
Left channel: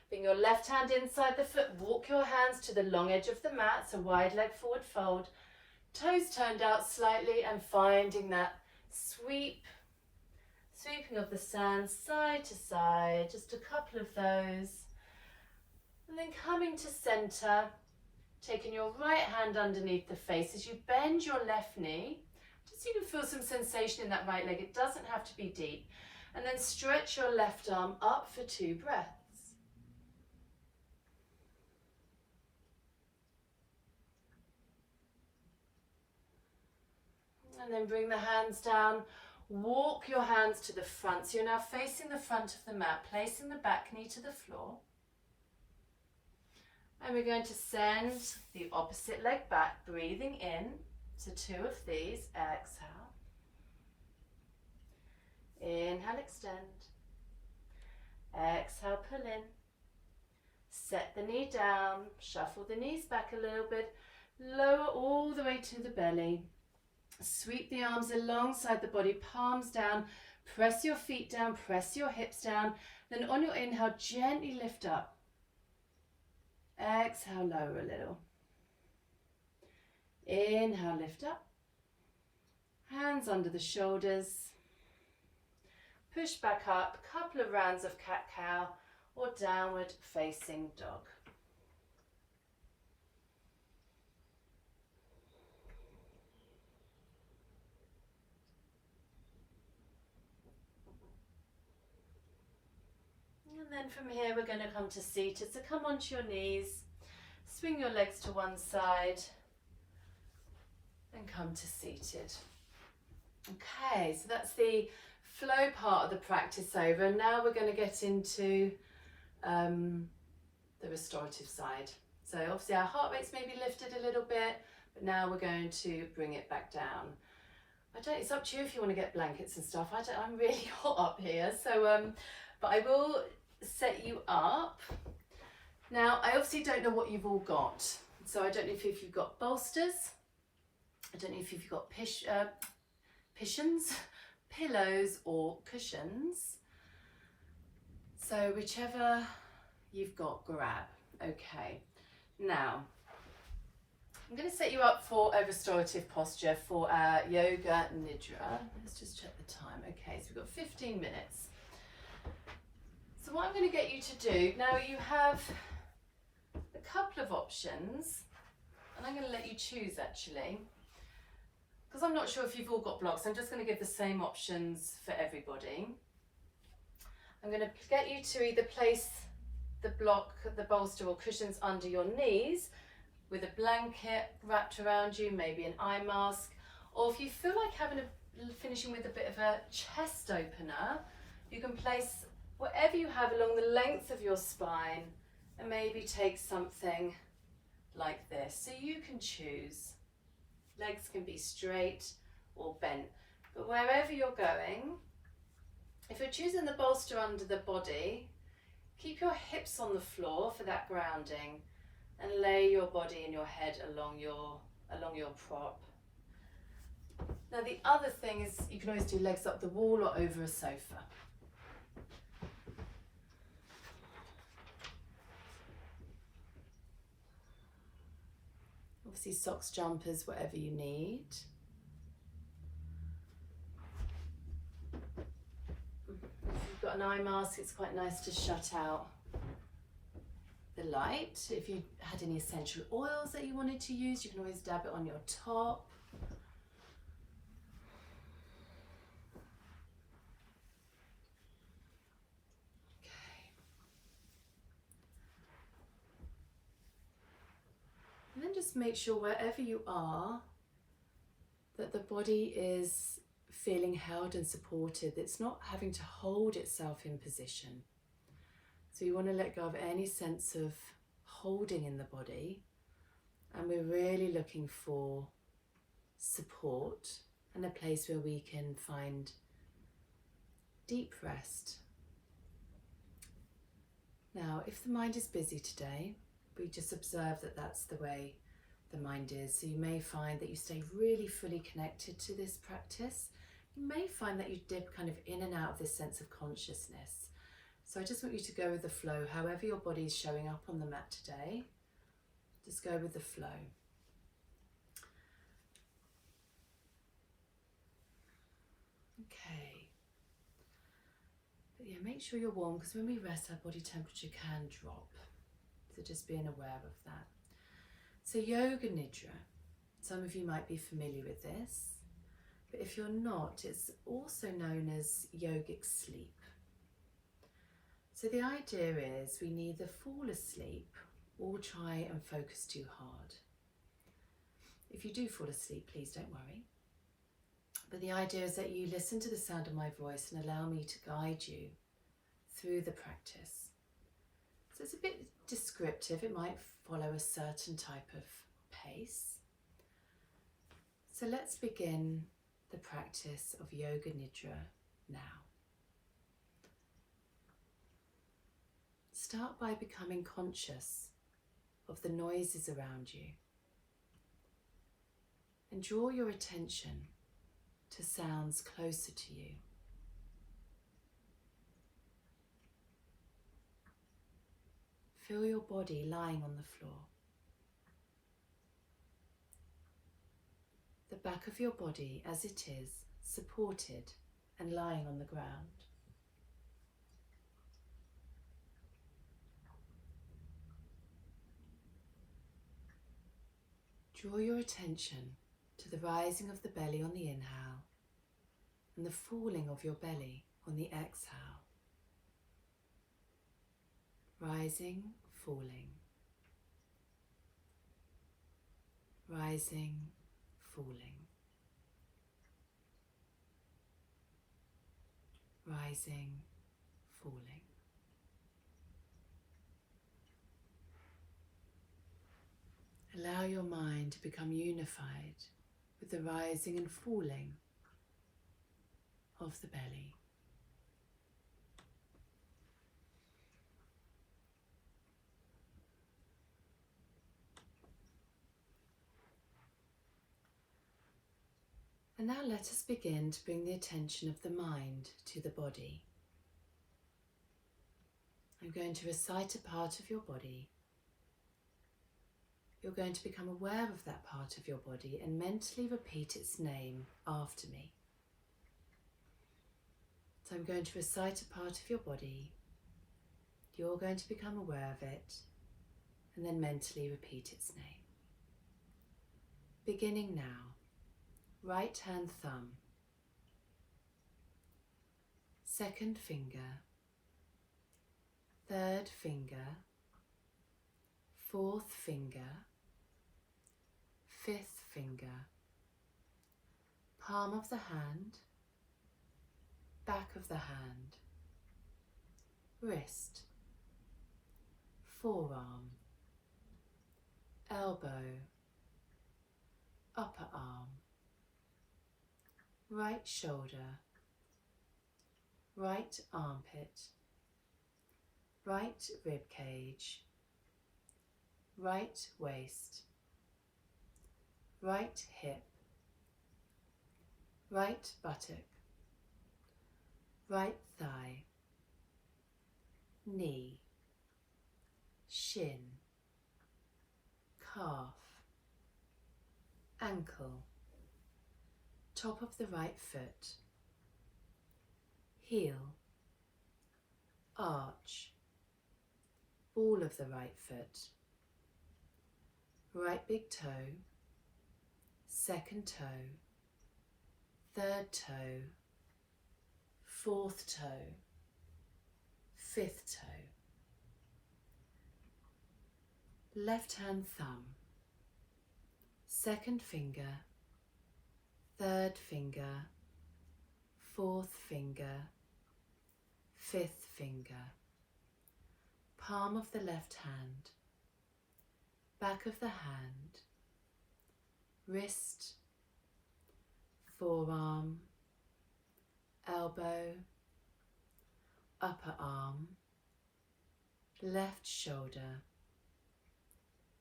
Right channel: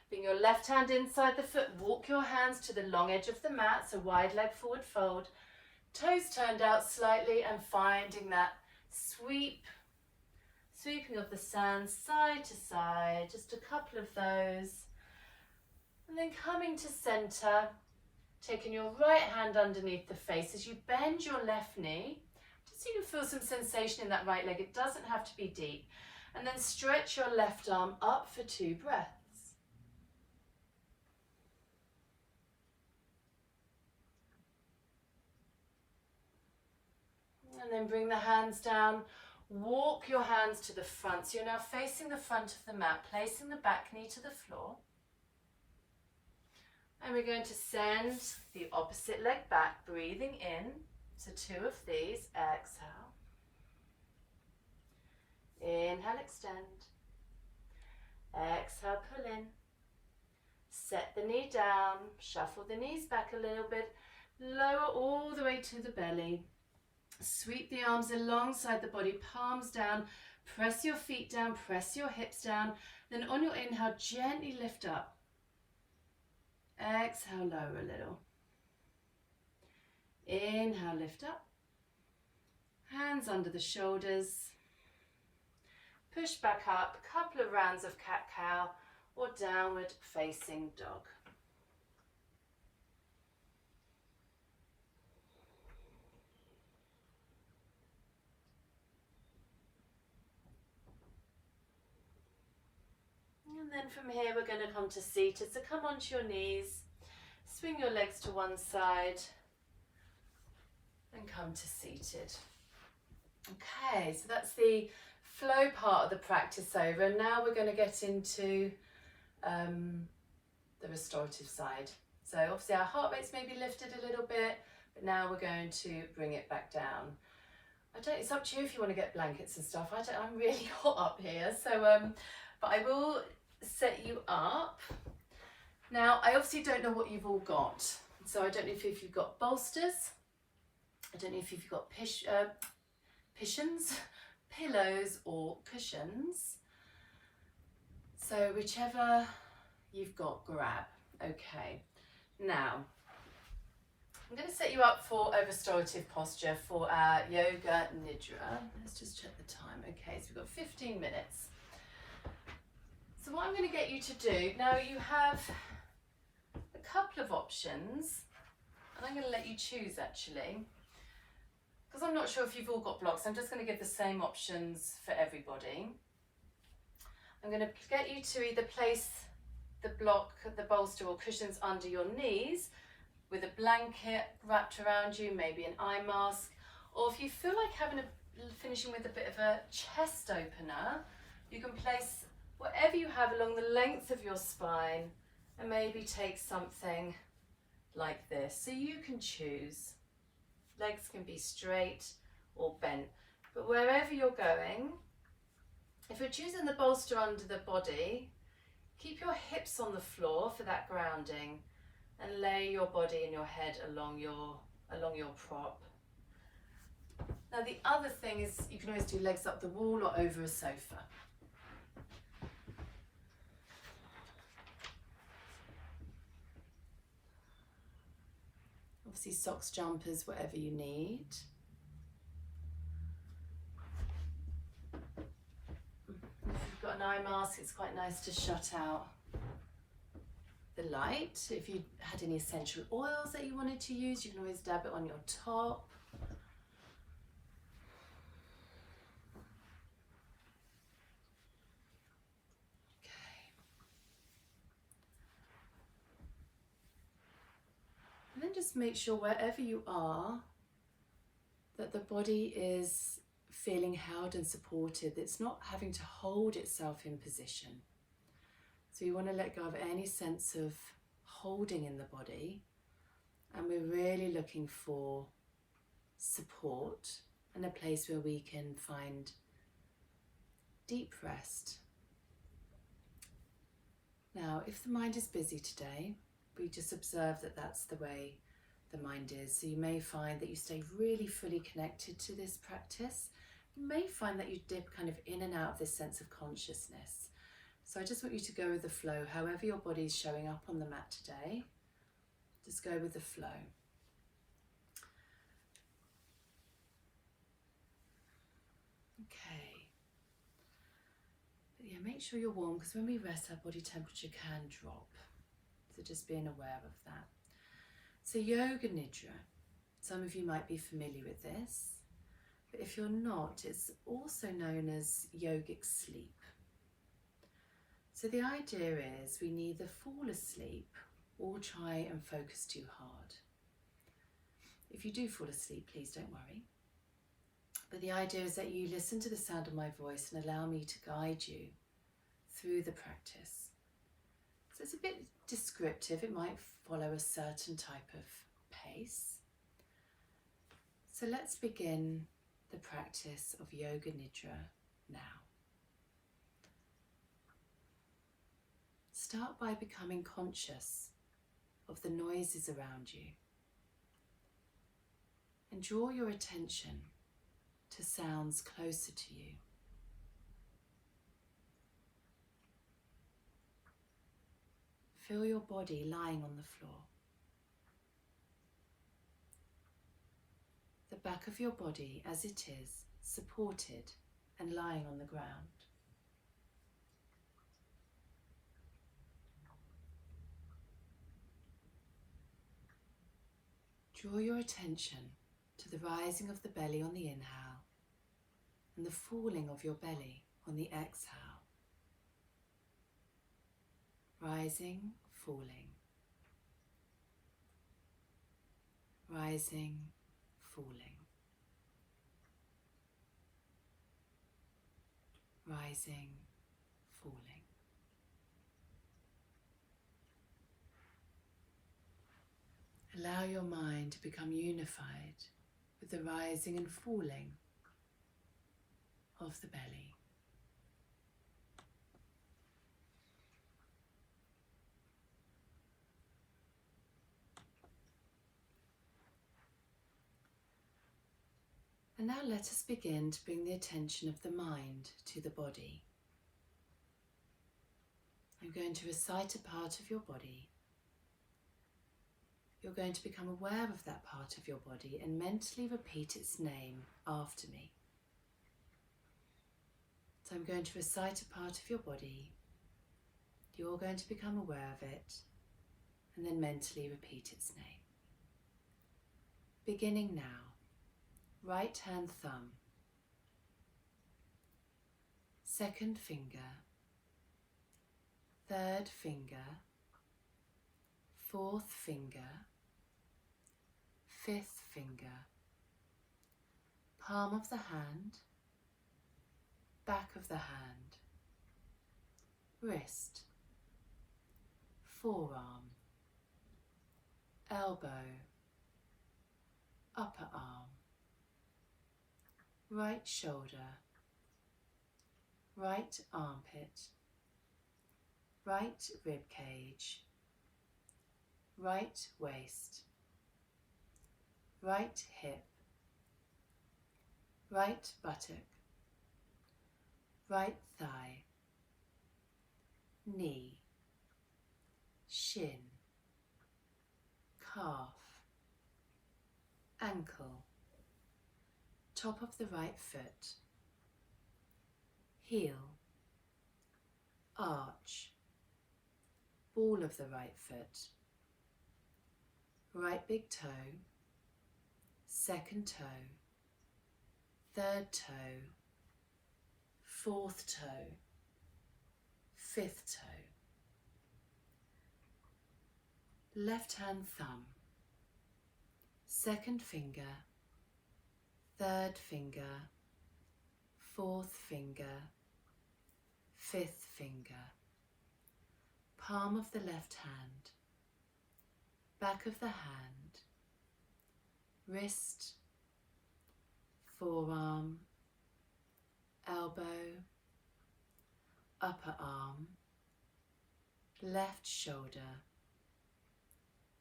Bring your left hand inside the foot, walk your hands to the long edge of the mat, so wide leg forward fold. Toes turned out slightly and finding that sweeping of the sand side to side, just a couple of those. And then coming to center, taking your right hand underneath the face as you bend your left knee, just so you can feel some sensation in that right leg. It doesn't have to be deep. And then stretch your left arm up for 2 breaths. And then bring the hands down, walk your hands to the front. So you're now facing the front of the mat, placing the back knee to the floor. And we're going to send the opposite leg back, breathing in. So 2 of these, exhale. Inhale, extend. Exhale, pull in. Set the knee down, shuffle the knees back a little bit, lower all the way to the belly. Sweep the arms alongside the body, palms down, press your feet down, press your hips down. Then on your inhale, gently lift up. Exhale, lower a little. Inhale, lift up. Hands under the shoulders. Push back up, a couple of rounds of cat-cow or downward facing dog. And then from here we're going to come to seated. So come onto your knees, swing your legs to one side and come to seated. Okay, so that's the flow part of the practice over. And now we're going to get into the restorative side. So obviously our heart rate's maybe lifted a little bit, but now we're going to bring it back down. It's up to you if you want to get blankets and stuff. I'm really hot up here, so but I will set you up. Now I obviously don't know what you've all got, so I don't know if you've got bolsters, I don't know if you've got cushions, pillows or cushions, so whichever you've got, grab. Okay, now I'm going to set you up for a restorative posture for our yoga nidra. Let's just check the time. Okay, so we've got 15 minutes. So what I'm going to get you to do, now you have a couple of options, and I'm going to let you choose actually, because I'm not sure if you've all got blocks. I'm just going to give the same options for everybody. I'm going to get you to either place the block, the bolster or cushions under your knees with a blanket wrapped around you, maybe an eye mask, or if you feel like finishing with a bit of a chest opener, you can place whatever you have along the length of your spine and maybe take something like this. So you can choose. Legs can be straight or bent, but wherever you're going, if you're choosing the bolster under the body, keep your hips on the floor for that grounding and lay your body and your head along your prop. Now the other thing is you can always do legs up the wall or over a sofa. Obviously socks, jumpers, whatever you need. If you've got an eye mask, it's quite nice to shut out the light. If you had any essential oils that you wanted to use, you can always dab it on your top. And then just make sure wherever you are that the body is feeling held and supported. It's not having to hold itself in position. So you want to let go of any sense of holding in the body. And we're really looking for support and a place where we can find deep rest. Now, if the mind is busy today, we just observe that that's the way the mind is. So you may find that you stay really fully connected to this practice. You may find that you dip kind of in and out of this sense of consciousness. So I just want you to go with the flow, however your body's showing up on the mat today. Just go with the flow. Okay. But yeah, make sure you're warm, because when we rest, our body temperature can drop. So just being aware of that. So yoga nidra, some of you might be familiar with this, but if you're not, it's also known as yogic sleep. So the idea is we neither fall asleep or try and focus too hard. If you do fall asleep, please don't worry. But the idea is that you listen to the sound of my voice and allow me to guide you through the practice. So it's a bit descriptive, it might follow a certain type of pace. So let's begin the practice of yoga nidra now. Start by becoming conscious of the noises around you and draw your attention to sounds closer to you. Feel your body lying on the floor. The back of your body as it is, supported and lying on the ground. Draw your attention to the rising of the belly on the inhale and the falling of your belly on the exhale. Rising, falling. Rising, falling. Rising, falling. Allow your mind to become unified with the rising and falling of the belly. And now let us begin to bring the attention of the mind to the body. I'm going to recite a part of your body. You're going to become aware of that part of your body and mentally repeat its name after me. So I'm going to recite a part of your body. You're going to become aware of it and then mentally repeat its name. Beginning now. Right hand thumb, second finger, third finger, fourth finger, fifth finger, palm of the hand, back of the hand, wrist, forearm, elbow, upper arm, right shoulder, right armpit, right rib cage, right waist, right hip, right buttock, right thigh, knee, shin, calf, ankle, top of the right foot, heel, arch, ball of the right foot, right big toe, second toe, third toe, fourth toe, fifth toe, left hand thumb, second finger, third finger, fourth finger, fifth finger, palm of the left hand, back of the hand, wrist, forearm, elbow, upper arm, left shoulder,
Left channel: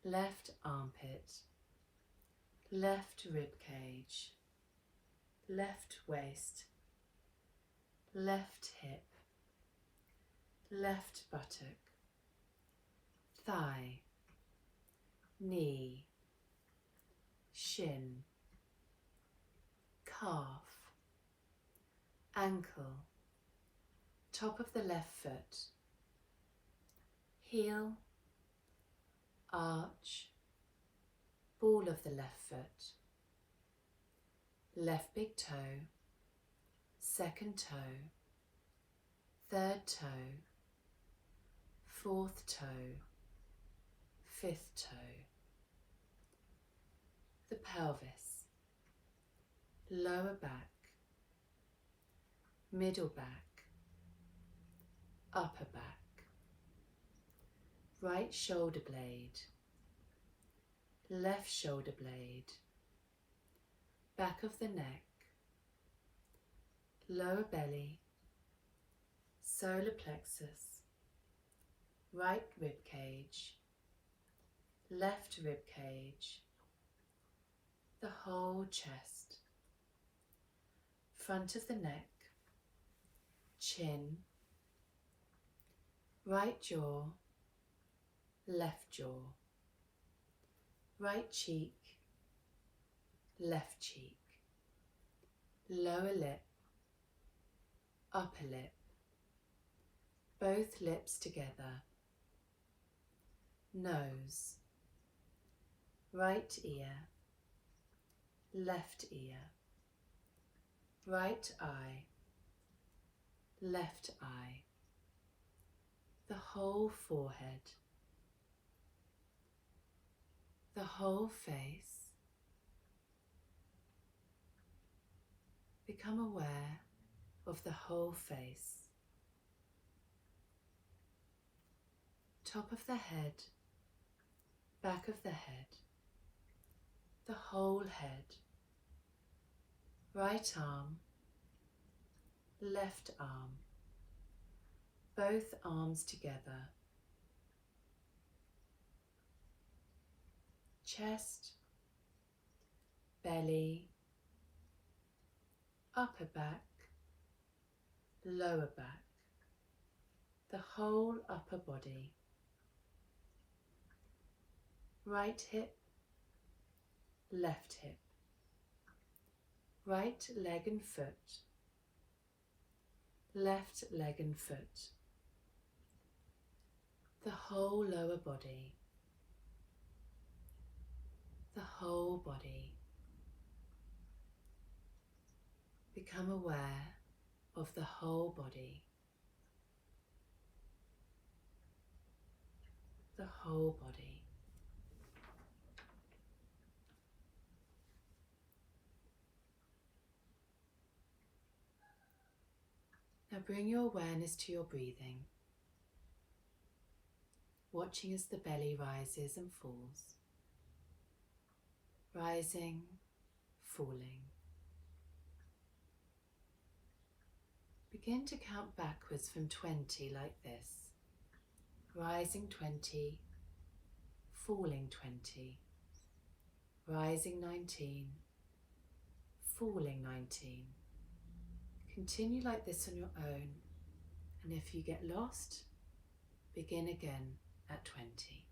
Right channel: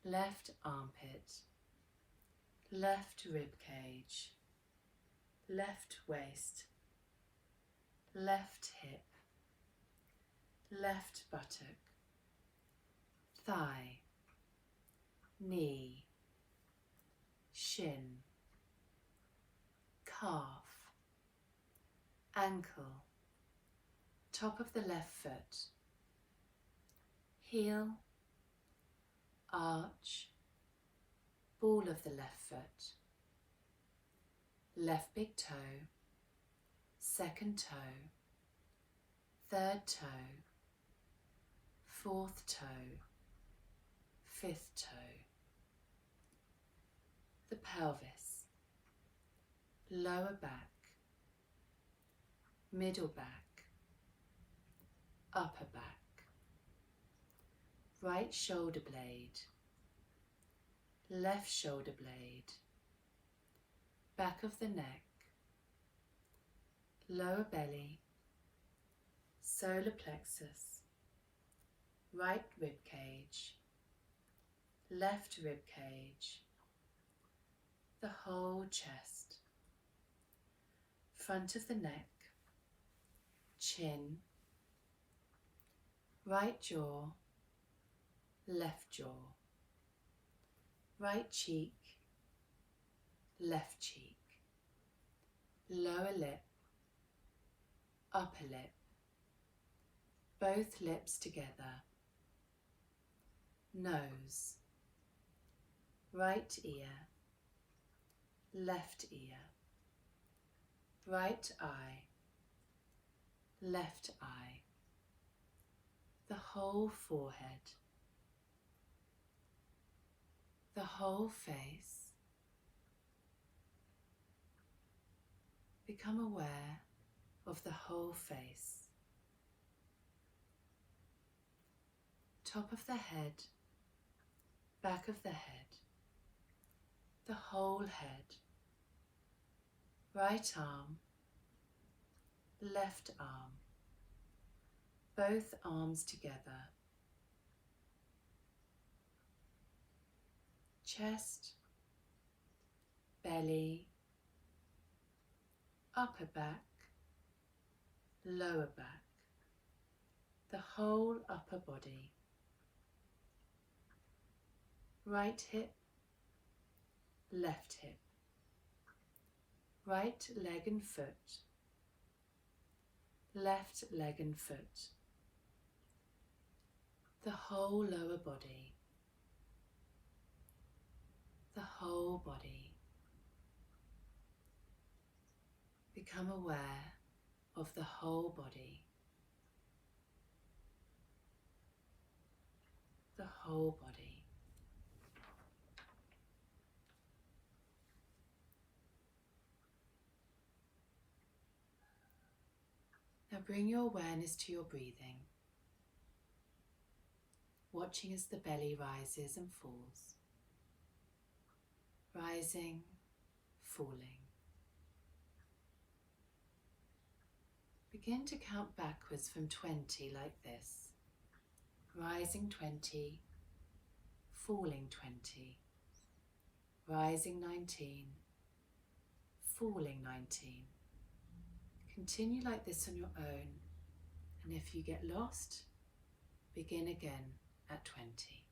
left armpit, left rib cage, left waist, left hip, left buttock, thigh, knee, shin, calf, ankle, top of the left foot, heel, arch, ball of the left foot, left big toe, second toe, third toe, fourth toe, fifth toe, the pelvis, lower back, middle back, upper back, right shoulder blade, left shoulder blade, back of the neck, lower belly, solar plexus, right rib cage, left rib cage, the whole chest, front of the neck, chin, right jaw, left jaw, right cheek, left cheek, lower lip, upper lip, both lips together, nose, right ear, left ear, right eye, left eye, the whole forehead, the whole face. Become aware of the whole face, top of the head, back of the head, the whole head, right arm, left arm, both arms together, chest, belly, upper back, lower back, the whole upper body, right hip, left hip, right leg and foot, left leg and foot, the whole lower body, the whole body. Become aware of the whole body, the whole body. Now bring your awareness to your breathing, watching as the belly rises and falls, rising, falling. Begin to count backwards from 20 like this, rising 20, falling 20, rising 19, falling 19. Continue like this on your own, and if you get lost, begin again at 20.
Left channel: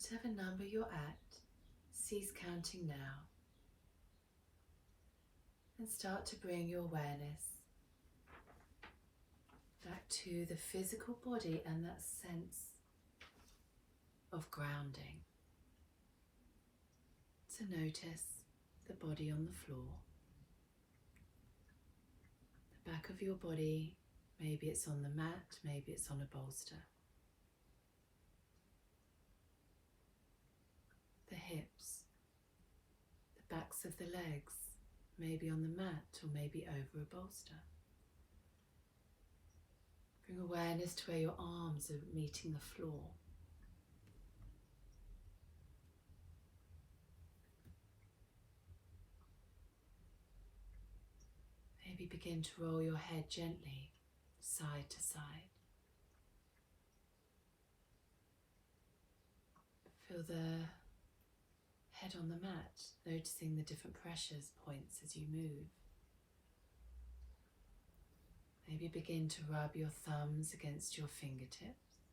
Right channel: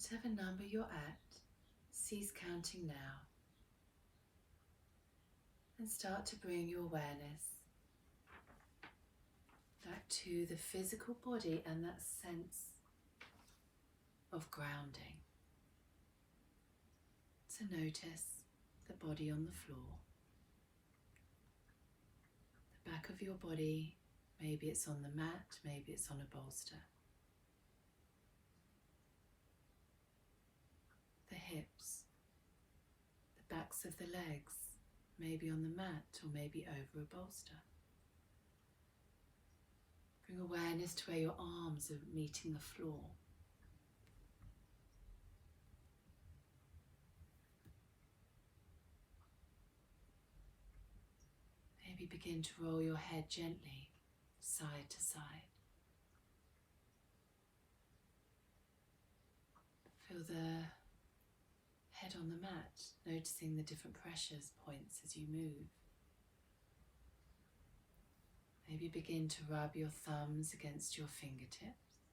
Whatever number you're at, cease counting now and start to bring your awareness back to the physical body and that sense of grounding. So notice the body on the floor, the back of your body, maybe it's on the mat, maybe it's on a bolster. The hips, the backs of the legs, maybe on the mat or maybe over a bolster. Bring awareness to where your arms are meeting the floor. Maybe begin to roll your head gently side to side. Feel the head on the mat, noticing the different pressures points as you move. Maybe begin to rub your thumbs against your fingertips,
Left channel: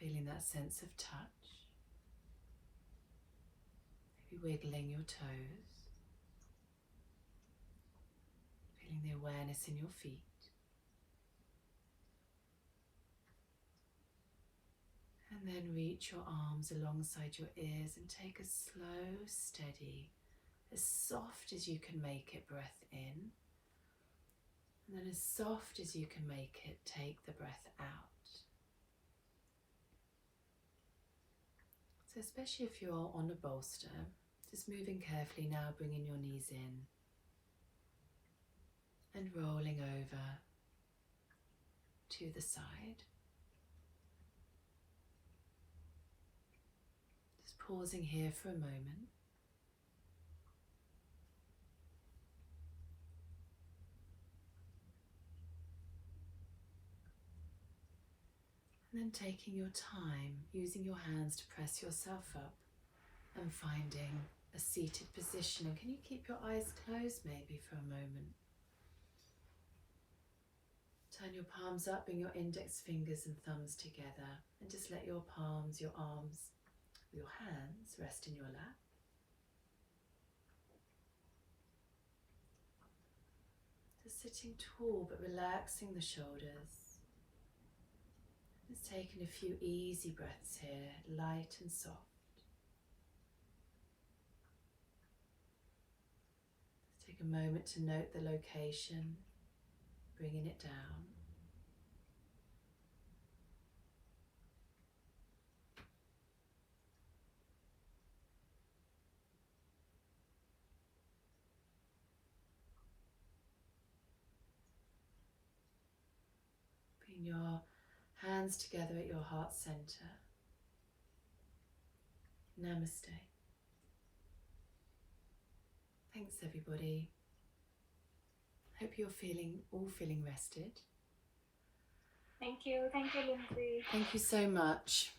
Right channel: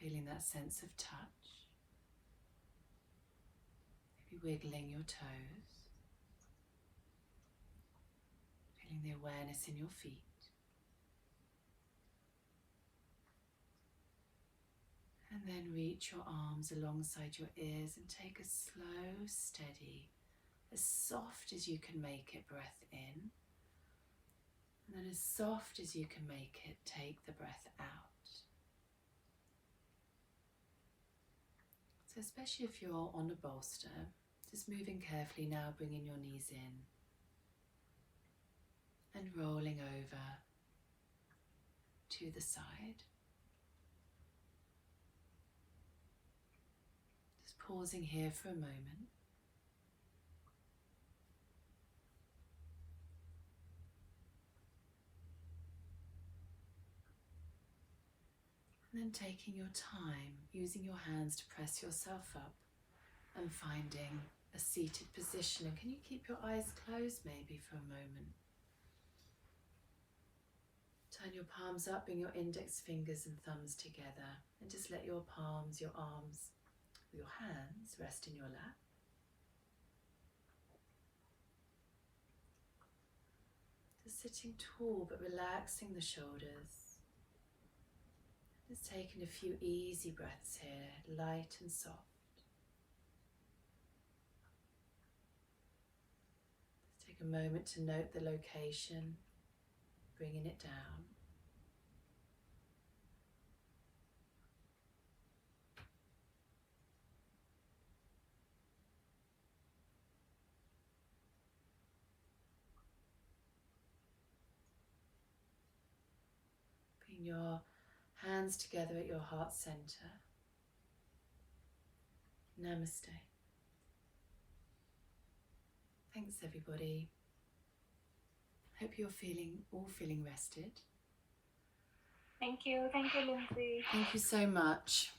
feeling that sense of touch. Maybe wiggling your toes, feeling the awareness in your feet. And then reach your arms alongside your ears and take a slow, steady, as soft as you can make it breath in. And then as soft as you can make it, take the breath out. So especially if you're on a bolster, just moving carefully now, bringing your knees in and rolling over to the side. Just pausing here for a moment. And then taking your time, using your hands to press yourself up and finding a seated position. And can you keep your eyes closed maybe for a moment? Turn your palms up, bring your index fingers and thumbs together and just let your palms, your arms, your hands rest in your lap. Just sitting tall but relaxing the shoulders. Just taking a few easy breaths here, light and soft. Just take a moment to note the location, bringing it down. Bring your hands together at your heart center. Namaste. Thanks everybody. Hope you're all feeling rested. Thank you, Lindsey. Thank you so much.